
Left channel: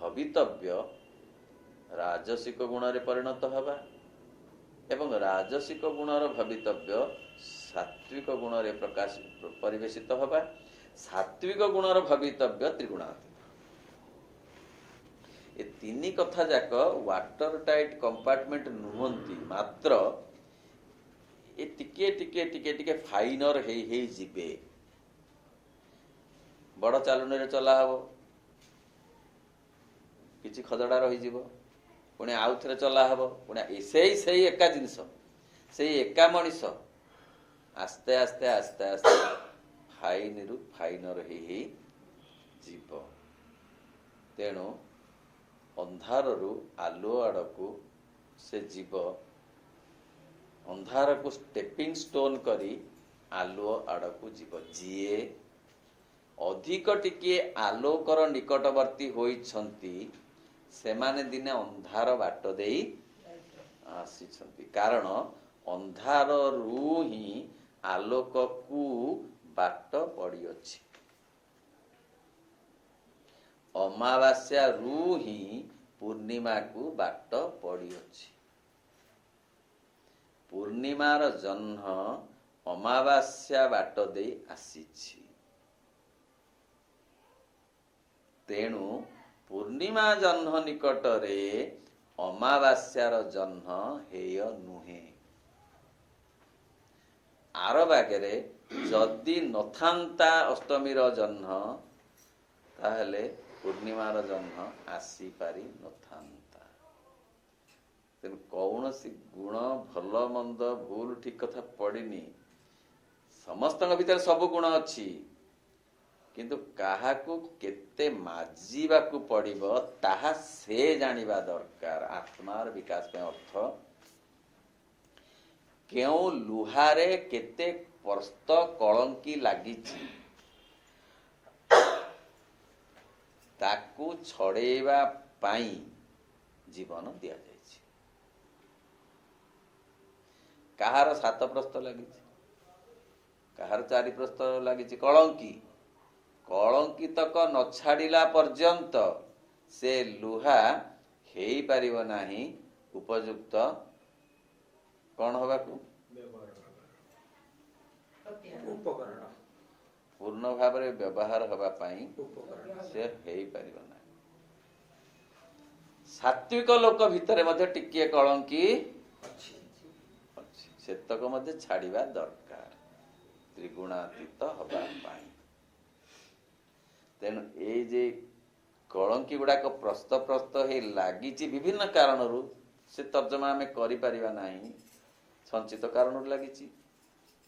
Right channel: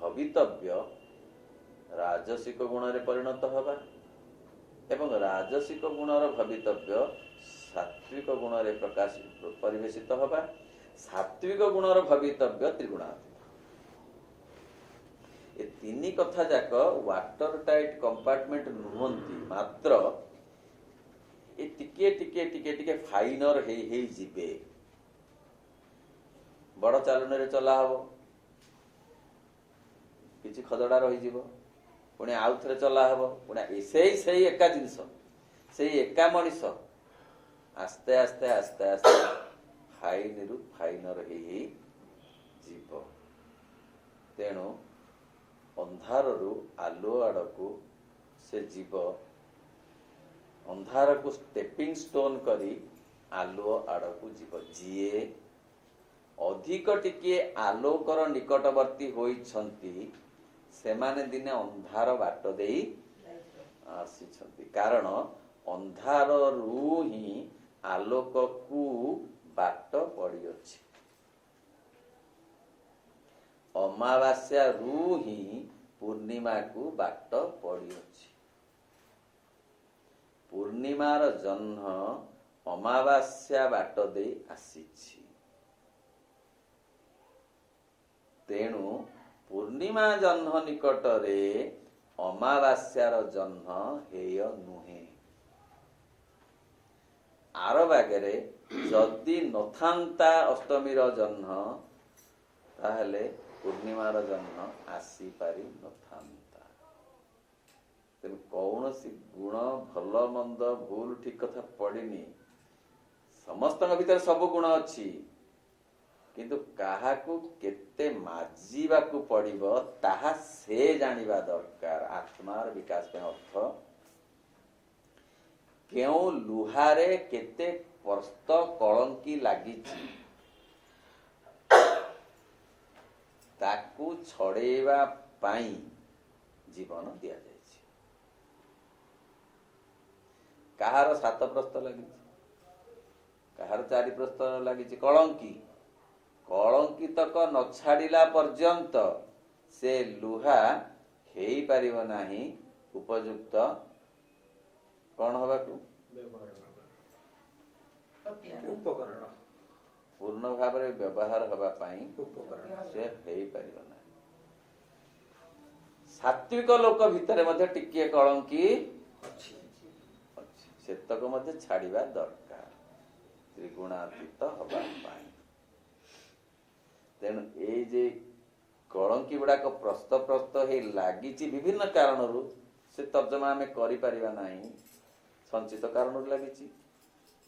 भवितव्य राजसिक गुण रे परिणत हबा एवं राजसिक गुण र भवितव्य सात्विक गुण रे प्रकाश परिवेशित हबा सात्विक गुण र भवितव्य त्रिगुणात्मक ए तीन कथा जाक वाटर टाइट कंपार्टमेंट नुहंती मात्र ए टिके टिके टिके टिके फाइनर हे जिबे बड़ चालन रे चला हबो किछि खदड़ा रही जीवो पुणी आउ थरे चला हबो पुणी सेई एका जिंस सेई एका मनिष आस्ते आस्ते आस्ते आस्ते फाइन रु फाइनर हे जीव तेणु अंधार रु आलो आड़कू से जीव अंधार को स्टेपिंग स्टोन करी आलो आड़कू जीव जीए अधिक टिके आलोकर निकटवर्ती होइछंती सेमाने दिने अंधार बाट देई आसीछंती कारण अंधार रु ही आलोक को बाट पड़ी अछि अमावास्या रु ही पूर्णिमा को बाट पड़ी अछि पूर्णिमार जन्म अमावास्या बाट देई आसीछि तेणु पूर्णिमा जन्म निकटरे अमावास्यार जन्म हेय नुहे आर बागरे जदि नथांता अष्टमीर जन्म ताहले पूर्णिमार जन्म आसी पारि नथांता तेणु कौनसी गुण भल मंद भूल ठीक कथा पड़िनी समस्त भीतर सब गुण अच्छी किंतु काहाकू केते माजिबाकू पड़िबो ताहा से जानिबा दरकार आत्मार विकास के अर्थ केउ लुहारे केते परस्त कलंकी लागिछि ତାକୁ ଛଡ଼େଇବା ପାଇଁ ଜୀବନ ଦିଆଯାଇଛି। କାହାର 7 ପ୍ରସ୍ତ ଲାଗିଛି, କାହାର 4 ପ୍ରସ୍ତ ଲାଗିଛି। କଳଙ୍କିତକ ନ ଛାଡ଼ିଲା ପର୍ଯ୍ୟନ୍ତ ସେ ଲୁହା ହେଇପାରିବ ନାହିଁ ଉପଯୁକ୍ତ କଣ ହବାକୁ, ଉପକରଣ ପୂର୍ଣ୍ଣ ଭାବରେ ବ୍ୟବହାର ହେବା ପାଇଁ ଉପକରଣ ସେ ହେଇପାରିବ ନାହିଁ। ସାତ୍ବିକ ଲୋକ ଭିତରେ ମଧ୍ୟ ଟିକିଏ କଳଙ୍କି ଅଛି। ଅଛି, ସେତକ ମଧ୍ୟ ଛାଡ଼ିବା ଦରକାର ତ୍ରିଗୁଣାତୀତ ହବା ପାଇଁ। ତେଣୁ ଏଇ ଯେ କଳଙ୍କି ଗୁଡାକ ପ୍ରସ୍ତ ହେଇ ଲାଗିଛି ବିଭିନ୍ନ କାରଣରୁ, ସେ ତର୍ଜମା ଆମେ କରିପାରିବା ନାହିଁ। ସଞ୍ଚିତ କାରଣରୁ ଲାଗିଛି,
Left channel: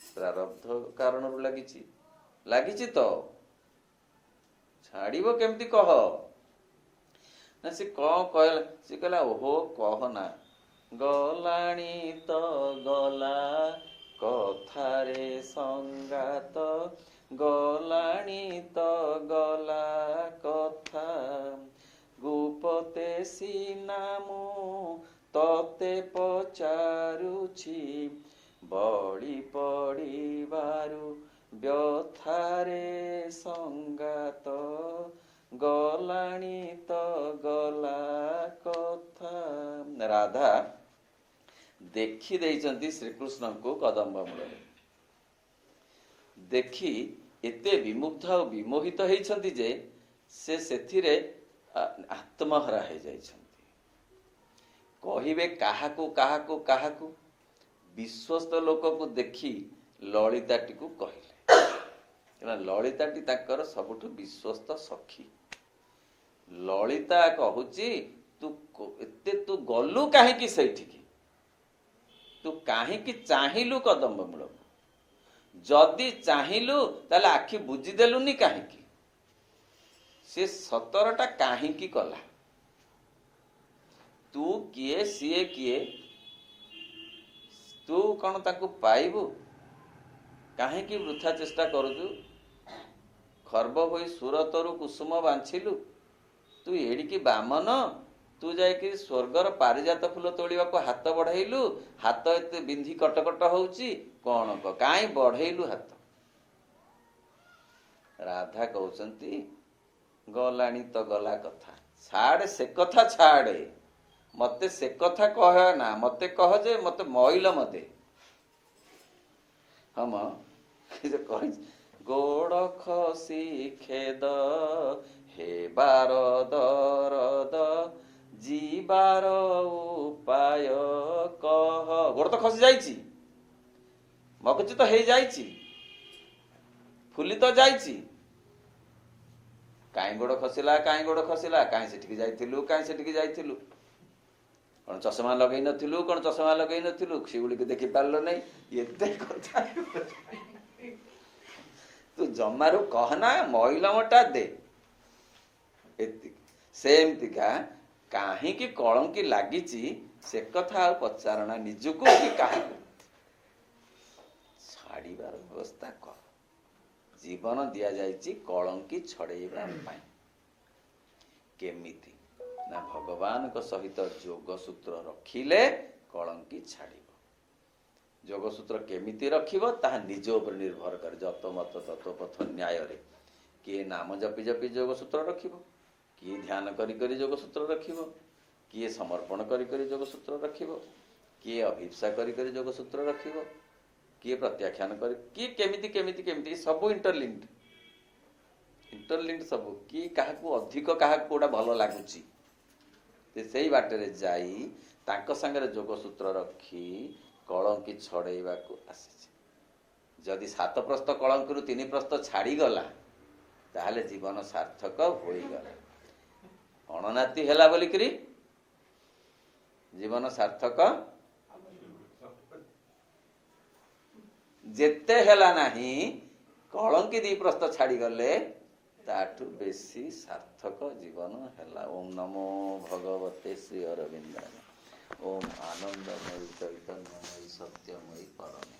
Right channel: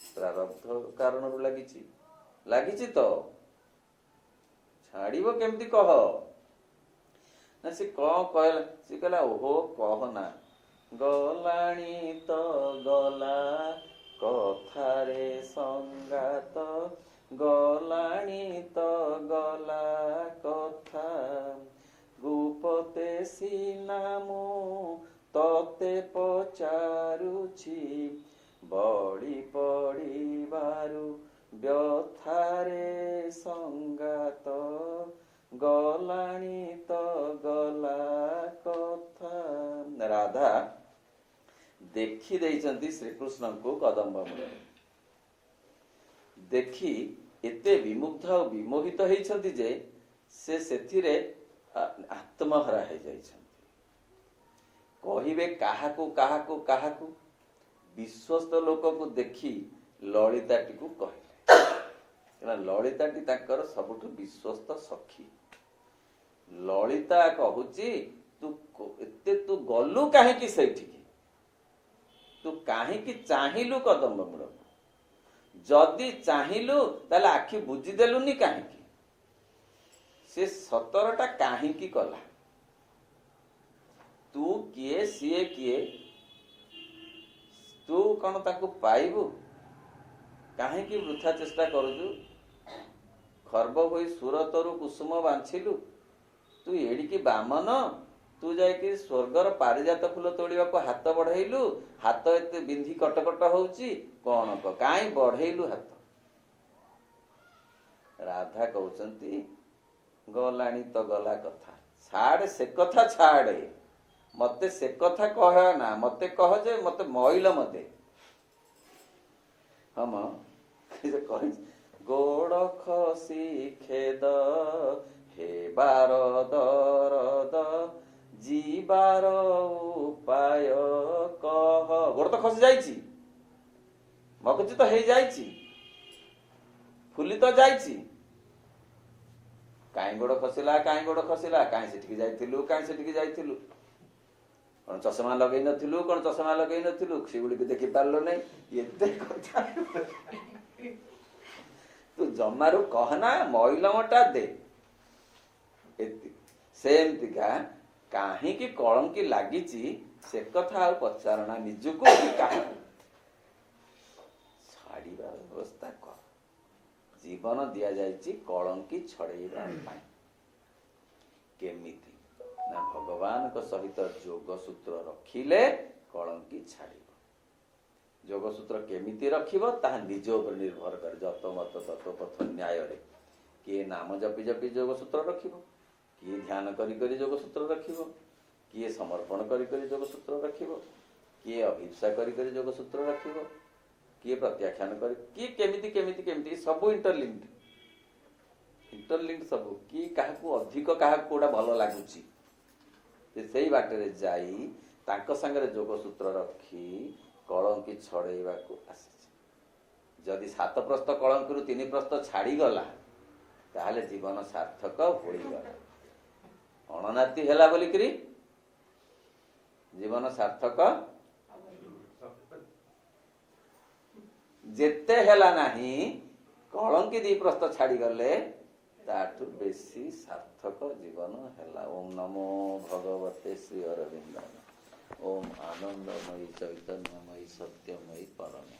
ପ୍ରାରବ୍ଧ କାରଣରୁ ଲାଗିଛି ତ ଛାଡ଼ିବ କେମିତି କହ ନା। ସେ କଣ କହିଲା, ସେ କହିଲା ଓହୋ କହନା, ଗଲାଣି ତ ଗଲା କଥାରେ ସଙ୍ଗାତ, ଗଲାଣି ତ ଗଲା କଥା, ଗୁପତେ ସିନା ମୁଁ ତତେ ପଚାରୁଛି, ବଳି ପଡ଼ିବାରୁ ବ୍ୟଥାରେ ସଙ୍ଗାତ, ଗଲାଣି ତ ଗଲା କଥା। ରାଧା ଦେଖି ଦେଇଛନ୍ତି ଶ୍ରୀକୃଷ୍ଣଙ୍କୁ କଦମ୍ବ ମୂଳରେ, ଦେଖି ଏତେ ବିମୁଗ୍ଧ ଆଉ ବିମୋହିତ ହେଇଛନ୍ତି ଯେ ସେ ସେଥିରେ ଆତ୍ମହରା ହେଇଯାଇଛନ୍ତି। କହିବେ କାହାକୁ କାହାକୁ କାହାକୁ, ବିଶ୍ୱସ୍ତ ଲୋକକୁ ଦେଖି ଲଳିତାଟିକୁ କହିଲେ। ଲଳିତାଟି ତାଙ୍କର ସବୁଠୁ ବିଶ୍ୱସ୍ତ ସଖୀ। ଲଳିତା କହୁଛି ତୁ ଗଲୁ କାହିଁକି ସେଇଠିକି, ତୁ କାହିଁକି ଚାହିଁଲୁ କଦମ୍ବ ମୂଳକୁ, ଯଦି ଚାହିଁଲୁ ତାହେଲେ ଆଖି ବୁଜିଦେଲୁନି କାହିଁକି, ସେ ସତରଟା କାହିଁକି କଲା, ତୁ କିଏ ସିଏ କିଏ, ତୁ କଣ ତାକୁ ପାଇବୁ, କାହିଁକି ବୃଥା ଚେଷ୍ଟା କରୁଛୁ, ଖର୍ବ ହୋଇ ସୁରତରୁ କୁସୁମ ବାଞ୍ଛିଲୁ, ତୁ ଏଡ଼ିକି ବାମନ, ତୁ ଯାଇକି ସ୍ୱର୍ଗର ପାରିଜାତ ଫୁଲ ତୋଳିବାକୁ ହାତ ବଢେଇଲୁ, ହାତ ଏତେ ବିନ୍ଧି କଟକଟ ହଉଛି, କଣ କାହିଁ ବଢେଇଲୁ ହାତ। ରାଧା କହୁଛନ୍ତି ଗଲାଣି ତ ଗଲା କଥା, ଛାଡେ ସେ କଥା ଛାଡେ, ମତେ ସେ କଥା କହ ନା, ମତେ କହ ଯେ ମତେ ମଇଲ ମତେ ହମ ଗୋଡ ଖସି ଖେଦ ହେବାର ଦରଦ, ଯିବାର ଉପାୟ କହ। ଗୋଡ ତ ଖସି ଯାଇଛି, ମଗଜ ତ ହେଇଯାଇଛି, ଫୁଲି ତ ଯାଇଛି, କାହିଁ ଗୋଡ ଖସିଲା, କାହିଁ ଗୋଡ ଖସିଲା, କାହିଁ ସେଠିକି ଯାଇଥିଲୁ, କାହିଁ ସେଠିକି ଯାଇଥିଲୁ, କଣ ଚଷମା ଲଗେଇ ନଥିଲୁ, କଣ ଚଷମା ଲଗେଇ ନଥିଲୁ, ସେଗୁଡିକୁ ଦେଖି ପାରିଲୁ ନାହିଁ, ଏତେ କଥା ତୁ ଜମାରୁ କହନା, ମଇଲମଟା ଦେ। ସେମିତିକା କାହିଁକି କଳଙ୍କି ଲାଗିଛି ସେ କଥା ଆଉ ପଚାରଣା ନିଜକୁ କି କାହାକୁ, ଛାଡିବାର ବ୍ୟବସ୍ଥା କର। ଜୀବନ ଦିଆଯାଇଛି କଳଙ୍କି ଛଡେଇବା ପାଇଁ। କେମିତି ନା ଭଗବାନଙ୍କ ସହିତ ଯୋଗସୂତ୍ର ରଖିଲେ କଳଙ୍କି ଛାଡ଼ିବ। ଯୋଗସୂତ୍ର କେମିତି ରଖିବ ତାହା ନିଜ ଉପରେ ନିର୍ଭର କରେ। ଯତ ମତ ତତ୍ୱପଥ ନ୍ୟାୟରେ କିଏ ନାମ ଜପି ଜପି ଯୋଗସୂତ୍ର ରଖିବ, କିଏ ଧ୍ୟାନ କରି କରି ଯୋଗସୂତ୍ର ରଖିବ, କିଏ ସମର୍ପଣ କରି କରି ଯୋଗସୂତ୍ର ରଖିବ, କିଏ ଅଭିପ୍ସା କରି କରି ଯୋଗସୂତ୍ର ରଖିବ, କିଏ ପ୍ରତ୍ୟାଖ୍ୟାନ କରି, କିଏ କେମିତି କେମିତି କେମିତି, ସବୁ ଇଣ୍ଟରଲିଙ୍କ୍ଡ ସବୁ, କିଏ କାହାକୁ ଅଧିକ କାହାକୁ କୋଉଟା ଭଲ ଲାଗୁଛି ସେଇ ବାଟରେ ଯାଇ ତାଙ୍କ ସାଙ୍ଗରେ ଯୋଗସୂତ୍ର ରଖି କଳଙ୍କି ଛଡେଇବାକୁ ଆସିଛି। ଯଦି 7 ପ୍ରସ୍ତ କଳଙ୍କିରୁ 3 ପ୍ରସ୍ତ ଛାଡିଗଲା ତାହେଲେ ଜୀବନ ସାର୍ଥକ ହୋଇଗଲା। ଅଣନାତି ହେଲା ବୋଲିକିରି ଜୀବନ ସାର୍ଥକ ଯେତେ ହେଲା ନାହିଁ, କଳଙ୍କି 2 ପ୍ରସ୍ତ ଛାଡିଗଲେ ତାଠୁ ବେଶୀ ସାର୍ଥକ ଜୀବନ ହେଲା। ଓಂ ନମୋ ଭଗବତେ ଶ୍ରୀ ଅରବିନ୍ଦାୟ। ଓಂ ଆନନ୍ଦମୟୀ ଚୈତନ୍ୟମୟୀ ସତ୍ୟମୟୀ ପରମ।